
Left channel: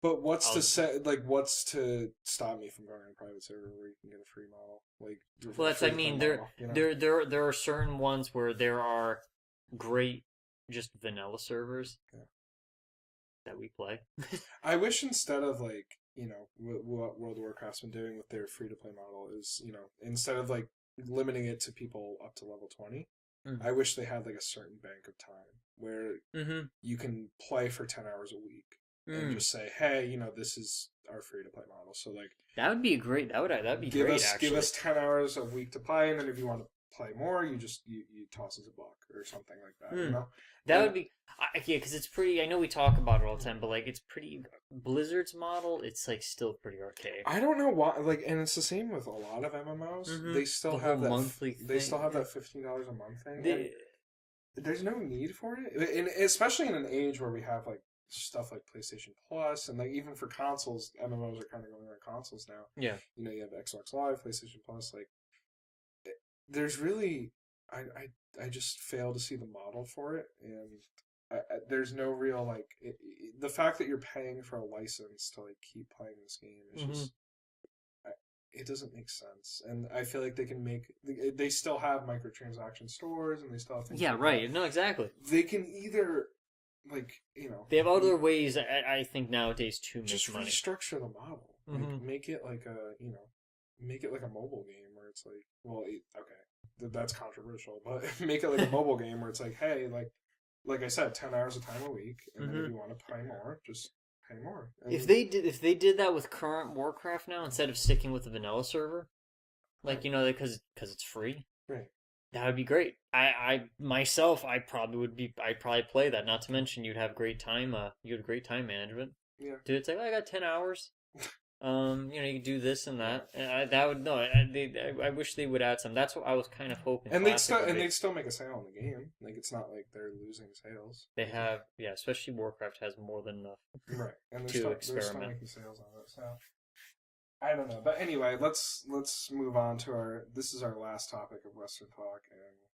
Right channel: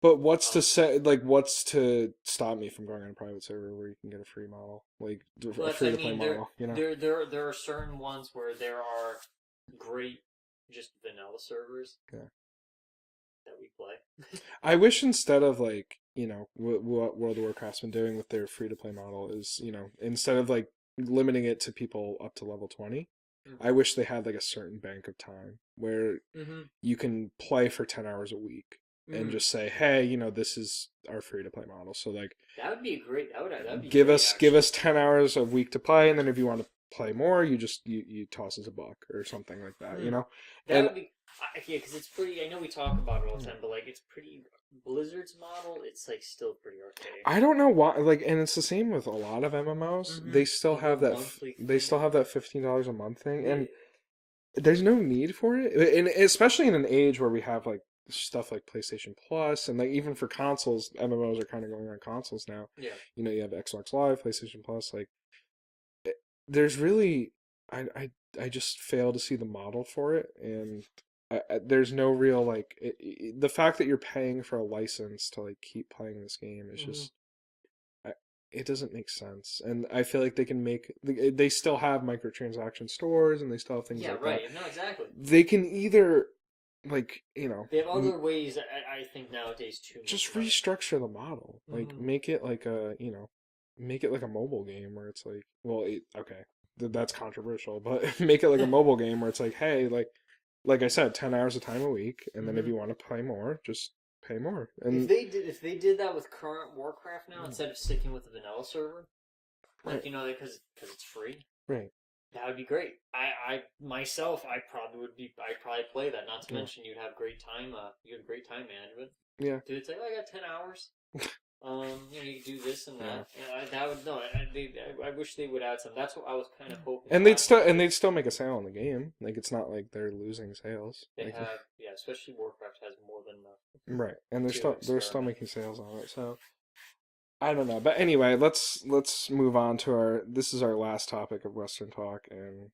But what's to say? Like, what's to stop me from going on a private server where you can get a free model? Like, Well, a that's, free I to play mean, model. there are certain ones where there are great just vanilla servers that we play. I wish instead of like what World of Warcraft's been doing with their free to play model is instead of like limiting it to people up to level 20, I wish they had like a certain bank of time where you can play for 10 hours a week and just say, hey, this is our free to play model. So like that would be great. That'd be give great, us give us 10 hours a week to play, and then if you want to play more, you just you toss us a buck or something like that. That would be yeah, because it's pretty. I know we talk about it all the time, but like it's pretty. Blizzard's model, it's like still pretty archaic. I don't know why, like, and it's the same with a lot of MMOs. They still The have whole that. monthly They thing. still have that $15 a month thing, and there's no need for it. And especially in an age where we have like stuff like PlayStation Plus, and like even for consoles, MMOs are kind of going on consoles now. Yeah. You have Xbox Live, PlayStation Plus. Like, there's really, I just fail to see the model for it, and there's no real like the fact that you're paying for a license to like keep playing this game is just it doesn't make sense. And I feel like they can they still have microtransaction stores and they still have things like right that. No, exactly. They can either like they have other ways I think nowadays to just make restructure the model, like make it like a make it like a mobile game where it's like, well, okay, that's controversial, but make it like a mobile game where it's like, hey, like I said, 10 hours of time a week, and then if you want to play more, just pay more. And if they did that with current Warcraft now, instead of sticking with the vanilla server, like because it's free, right? That would be great. I myself, I'd probably play that. Not to mention you'd have great time. You had great time management. Yeah, dude, it's like I got 10 hours. You maybe do this and Yeah. that. And that would no. I wish they would add some. That's what I was kind of hoping. And Classic would do. they'd still make a sale on the game. Like it's not like they're losing sales. They Like, have, yeah, especially Warcraft has more than enough. right, and To they're still experiment. making sales on it. So I don't know, but anyway, let's move on to our. This is our last topic of Western talk, and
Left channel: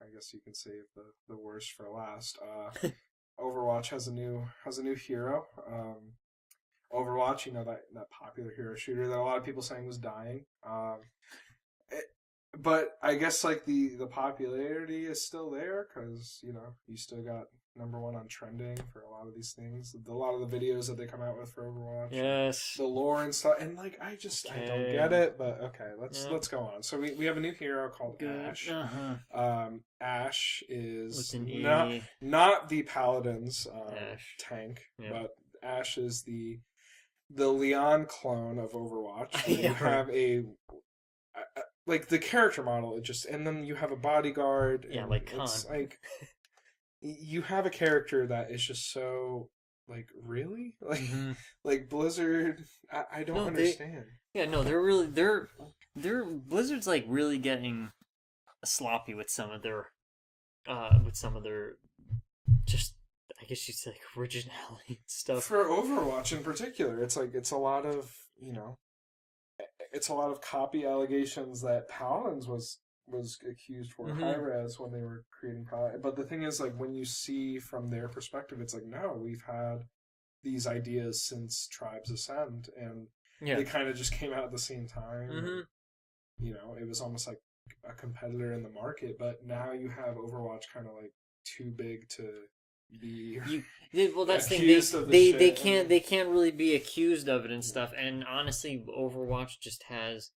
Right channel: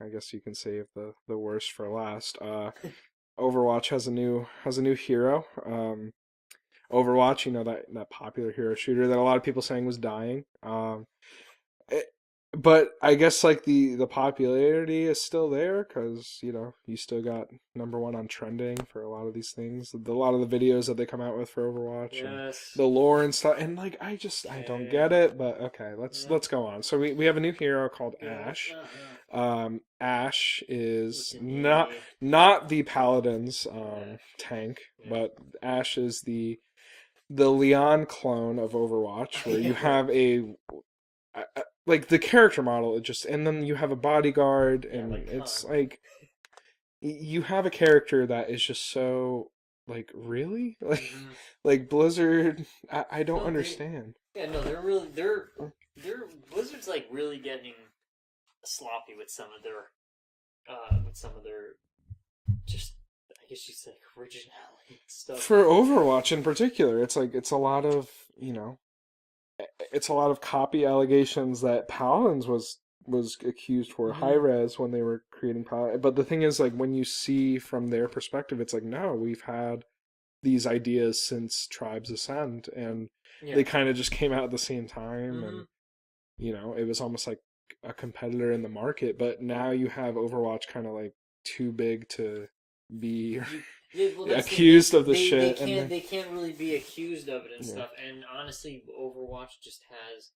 I guess you can save the worst for last. Overwatch has a new hero. Overwatch, that popular hero shooter that a lot of people saying was dying. It, but I guess like the popularity is still there because you still got number one on trending for a lot of these things. A lot of the videos that they come out with for Overwatch, and Yes. the lore and stuff. And like I don't get Okay. it. But okay, let's go on. So we have a new hero called Ash. Uh-huh. Ash With is an E. not the Paladin's Ash. tank, Yeah. but Ash is the Leon clone of Overwatch, where you have like the character model, and then you have a bodyguard, Yeah, and like it's Khan. like you have a character that is just so like really like Mhm. like Blizzard. I don't No, understand. Yeah, no, they're Blizzard's like really getting sloppy with some of their just I guess you'd say like originality and stuff. For Overwatch in particular, it's like it's a lot of copy allegations that Paladins was accused for high Hmm. res when they were creating Paladin. But the thing is, like when you see from their perspective, it's like no, we've had these ideas since Tribes Ascend, and Yeah. they kind of just came out at the same time, Hmm. and it was almost like a competitor in the market. But now you have Overwatch kind of like too big to be Well, that's the thing. accused of the They shit, and can't they can't really be accused of it and yeah. stuff. And honestly, Overwatch just has,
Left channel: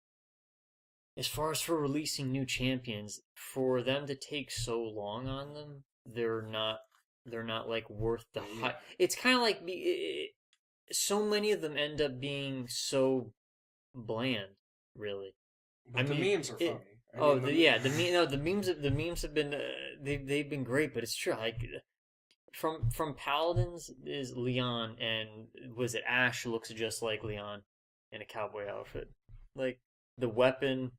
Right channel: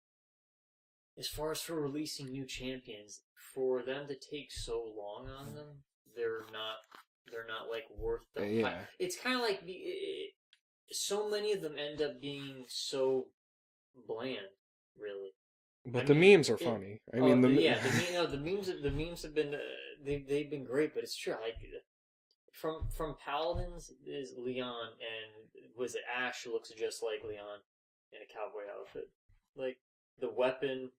as far as for releasing new champions, for them to take so long on them, they're not like worth the Yeah. hype. It's kind of like so many of them end up being so bland, really. But I the mean, memes are funny. I mean, the memes have been they've been great, but it's true. Like from Paladins is Leon, and was it Ash looks just like Leon in a cowboy outfit. Like the weapon,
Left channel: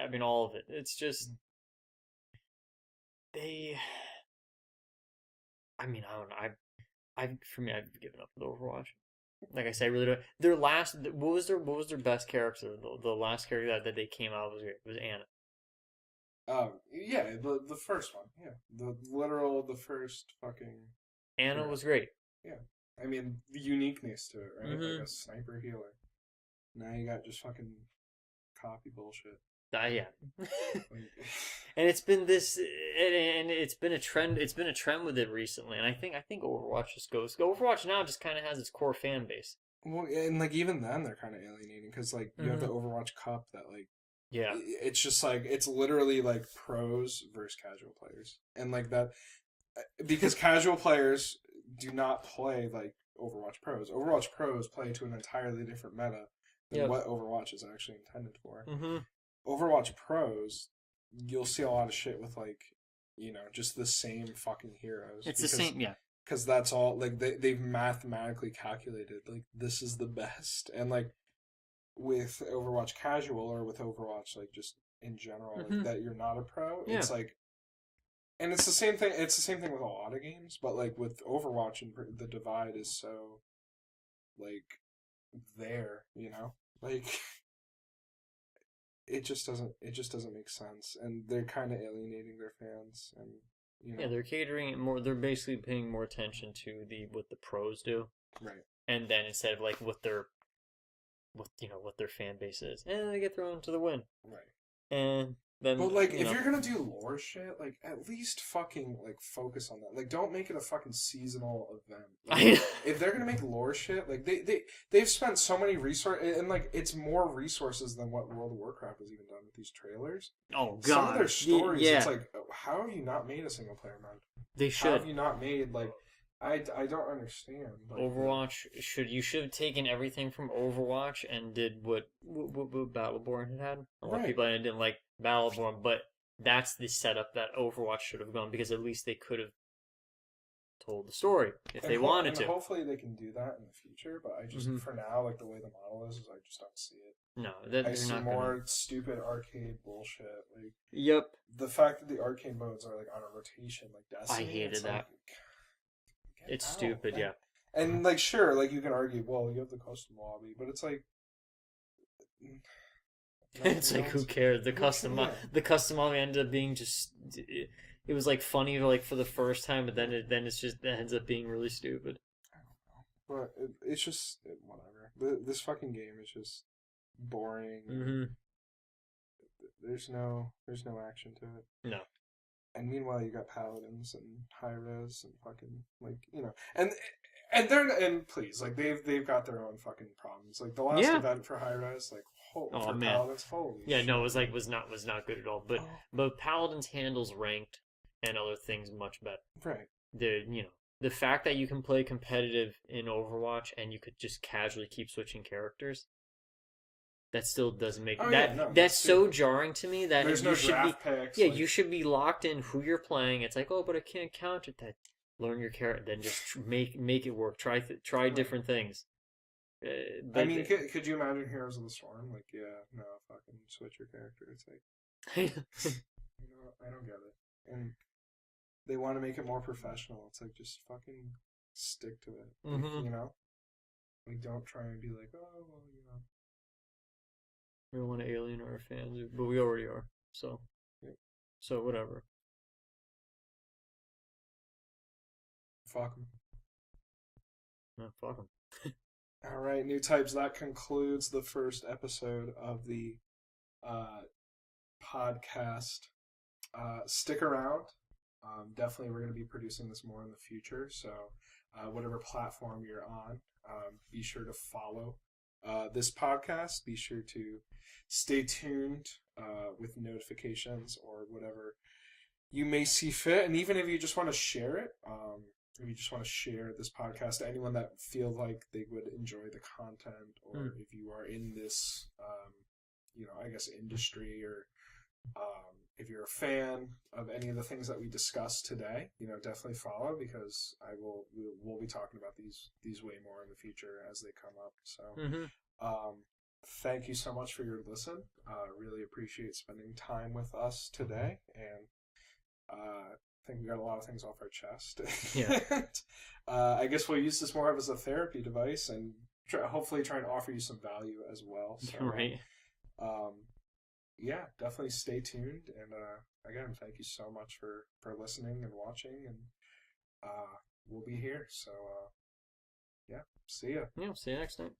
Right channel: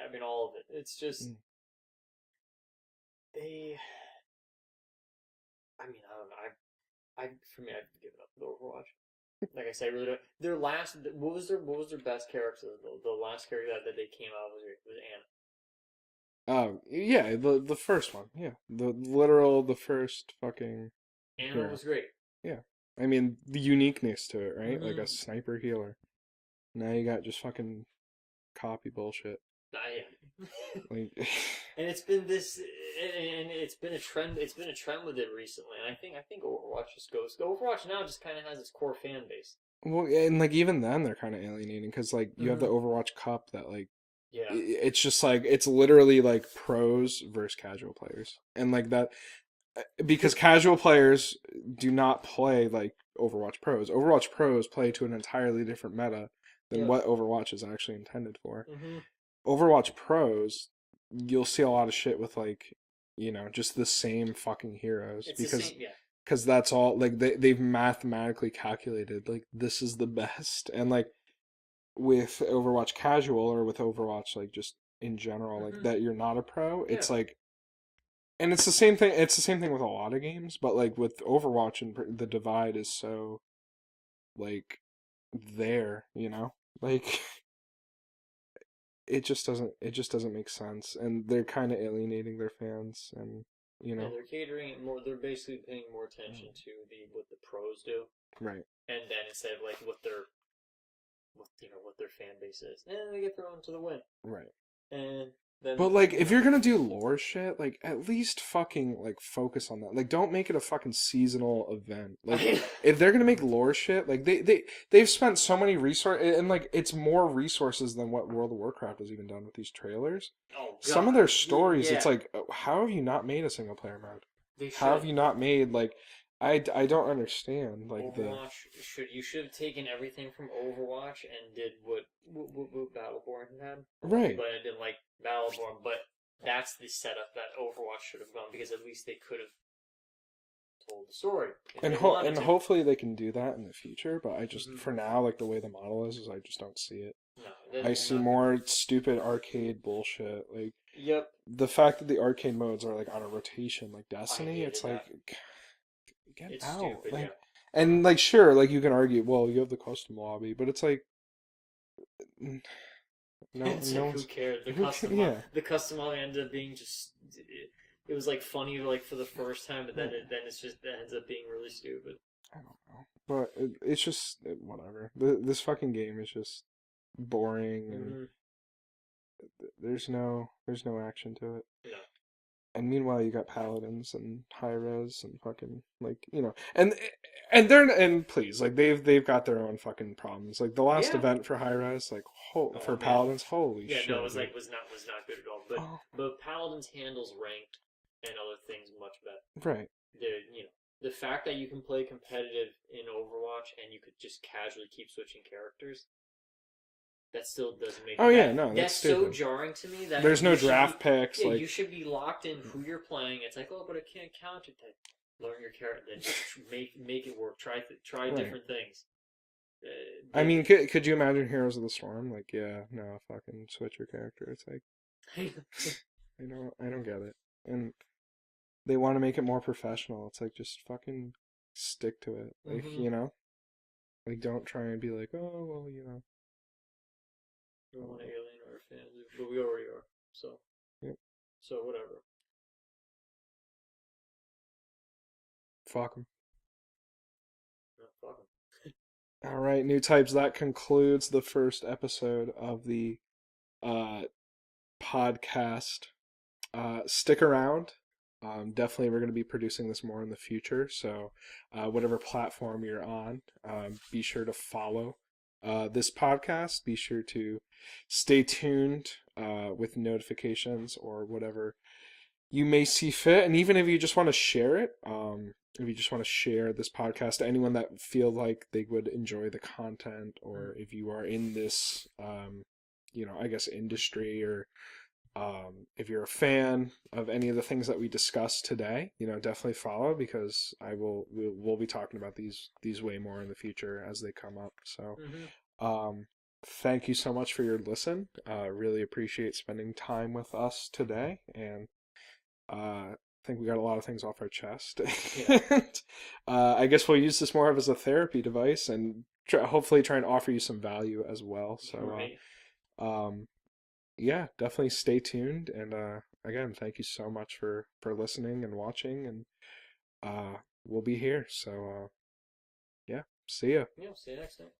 I mean all of it. It's just they. I mean, I don't know. For me, I've given up with Overwatch. Like I say, I really don't. Their last, what was their best character? The last character that they came out was great. It was Anna. yeah, the first one, yeah, the first fucking Anna hero, was great. yeah. I mean, the uniqueness to it, right? Like Mm-hmm. a sniper healer. Now you got just fucking copy bullshit. Yeah. Like, And it's been and it's been a trend. It's been a trend with it recently, and I think Overwatch just goes. Overwatch now just kind of has its core fan base. well, and like even then they're kind of alienating because like you have the Mm-hmm. Overwatch Cup that like Yeah. it's just like it's literally like pros versus casual players, and like that because casual players do not play like Overwatch pros. Overwatch pros play to an entirely different meta than Yep. what Overwatch is actually intended for. Mm-hmm. Overwatch pros, you'll see a lot of shit with like, just the same fucking heroes It's the same. Yeah. because that's all like they've mathematically calculated like this is the best. And like with Overwatch casual or with Overwatch like just in general like Mm-hmm. that you're not a pro, Yeah. it's like and it's the same thing. It's the same thing with a lot of games, but like with Overwatch, and the divide is so like there, like it just doesn't make sense, and they're kind of alienating their fans, and Yeah, they're catering it more. They're basically paying more attention to what the pros do, right, and then instead of like what their fan base is, and they get thrown to the wind, right. and then But like, if you're gonna do lore shit, like at least fucking like focus on that. Like, don't make it a fucking seasonal event. Like, if they're gonna make lore shit, like they've spent so many resources, and like it's more resources than what World of Warcraft has even done with these trailers. oh god, Some of their stories, yeah, it's like, how have you not made a single player mode? they How have should. you not made like, I don't understand like Overwatch you should have taken everything from Overwatch and did what Battleborn had. A lot of right. people didn't like Battleborn, but that's the setup that Overwatch should have gone because at least they could have told the story if And they wanted to. hopefully they can do that in the future. But I just, Hmm. for now, like the way the model is I just don't see it. No, I you're see not more gonna. stupid arcade bullshit. Like Yep, the fact that the arcade modes are like on a rotation, like I Destiny. It's hated like that. get It's out. stupid. Like, Yeah. and like sure, like you can argue, well, you have the custom lobby, but it's like no, It's no like who one's cares? yeah. The custom all ended up being just it was like funny like for the first time, but then Yeah. it's just it ends up being really stupid. I don't know, but it's just whatever. This fucking game is just boring, and Hmm. there's no action to it. No. And meanwhile, you got paladins and high res and fucking like and please like they've got their own fucking problems. Like the last Yeah. event for high res, like Oh for man. paladins, holy Yeah. No, it shit, was dude. like was not good at all. Oh, But Paladin's handles ranked and other things much better. right. The fact that you can play competitive in Overwatch and you could just casually keep switching characters, that still doesn't make Oh yeah, no, that's that's so stupid. jarring to me that There's you no should be draft picks. yeah, Like you should be locked in who you're playing. It's like, oh, but I can't counter that. Learn your character, then just make it work. Try right. different things. I But mean, could you imagine Heroes of the Storm? Like, yeah, no, fucking switch your character. It's like I don't get it. And they want to make it more professional. It's like just fucking stick to it. Like, hmm you know? Like don't try and be like, "Oh, well, we don't want to alienate our fans, but we already are. So yep, whatever. fuck 'em." No, fuck them. All right, new types. That concludes the first episode of the uh podcast. Stick around. Definitely, we're going to be producing this more in the future. So, whatever platform you're on, be sure to follow this podcast. Be sure to stay tuned with notifications or whatever you may see fit. And even if you just want to share it, if you just want to share this podcast to anyone that feel like they would enjoy the content, or if you are in this, I guess industry, or if you're a fan of any of the things that we discussed today, definitely follow, because we'll be talking about these way more in the future as they come up. So, Hmm. thank you so much for your listen. Really appreciate spending time with us today, and I think we got a lot of things off our chest. Yeah. And, I guess we'll use this more of as a therapy device, and hopefully try and offer you some value as well. So, Right. yeah, definitely stay tuned. And again, thank you so much for listening and watching. And we'll be here. So yeah, see ya. Yeah. See you next time.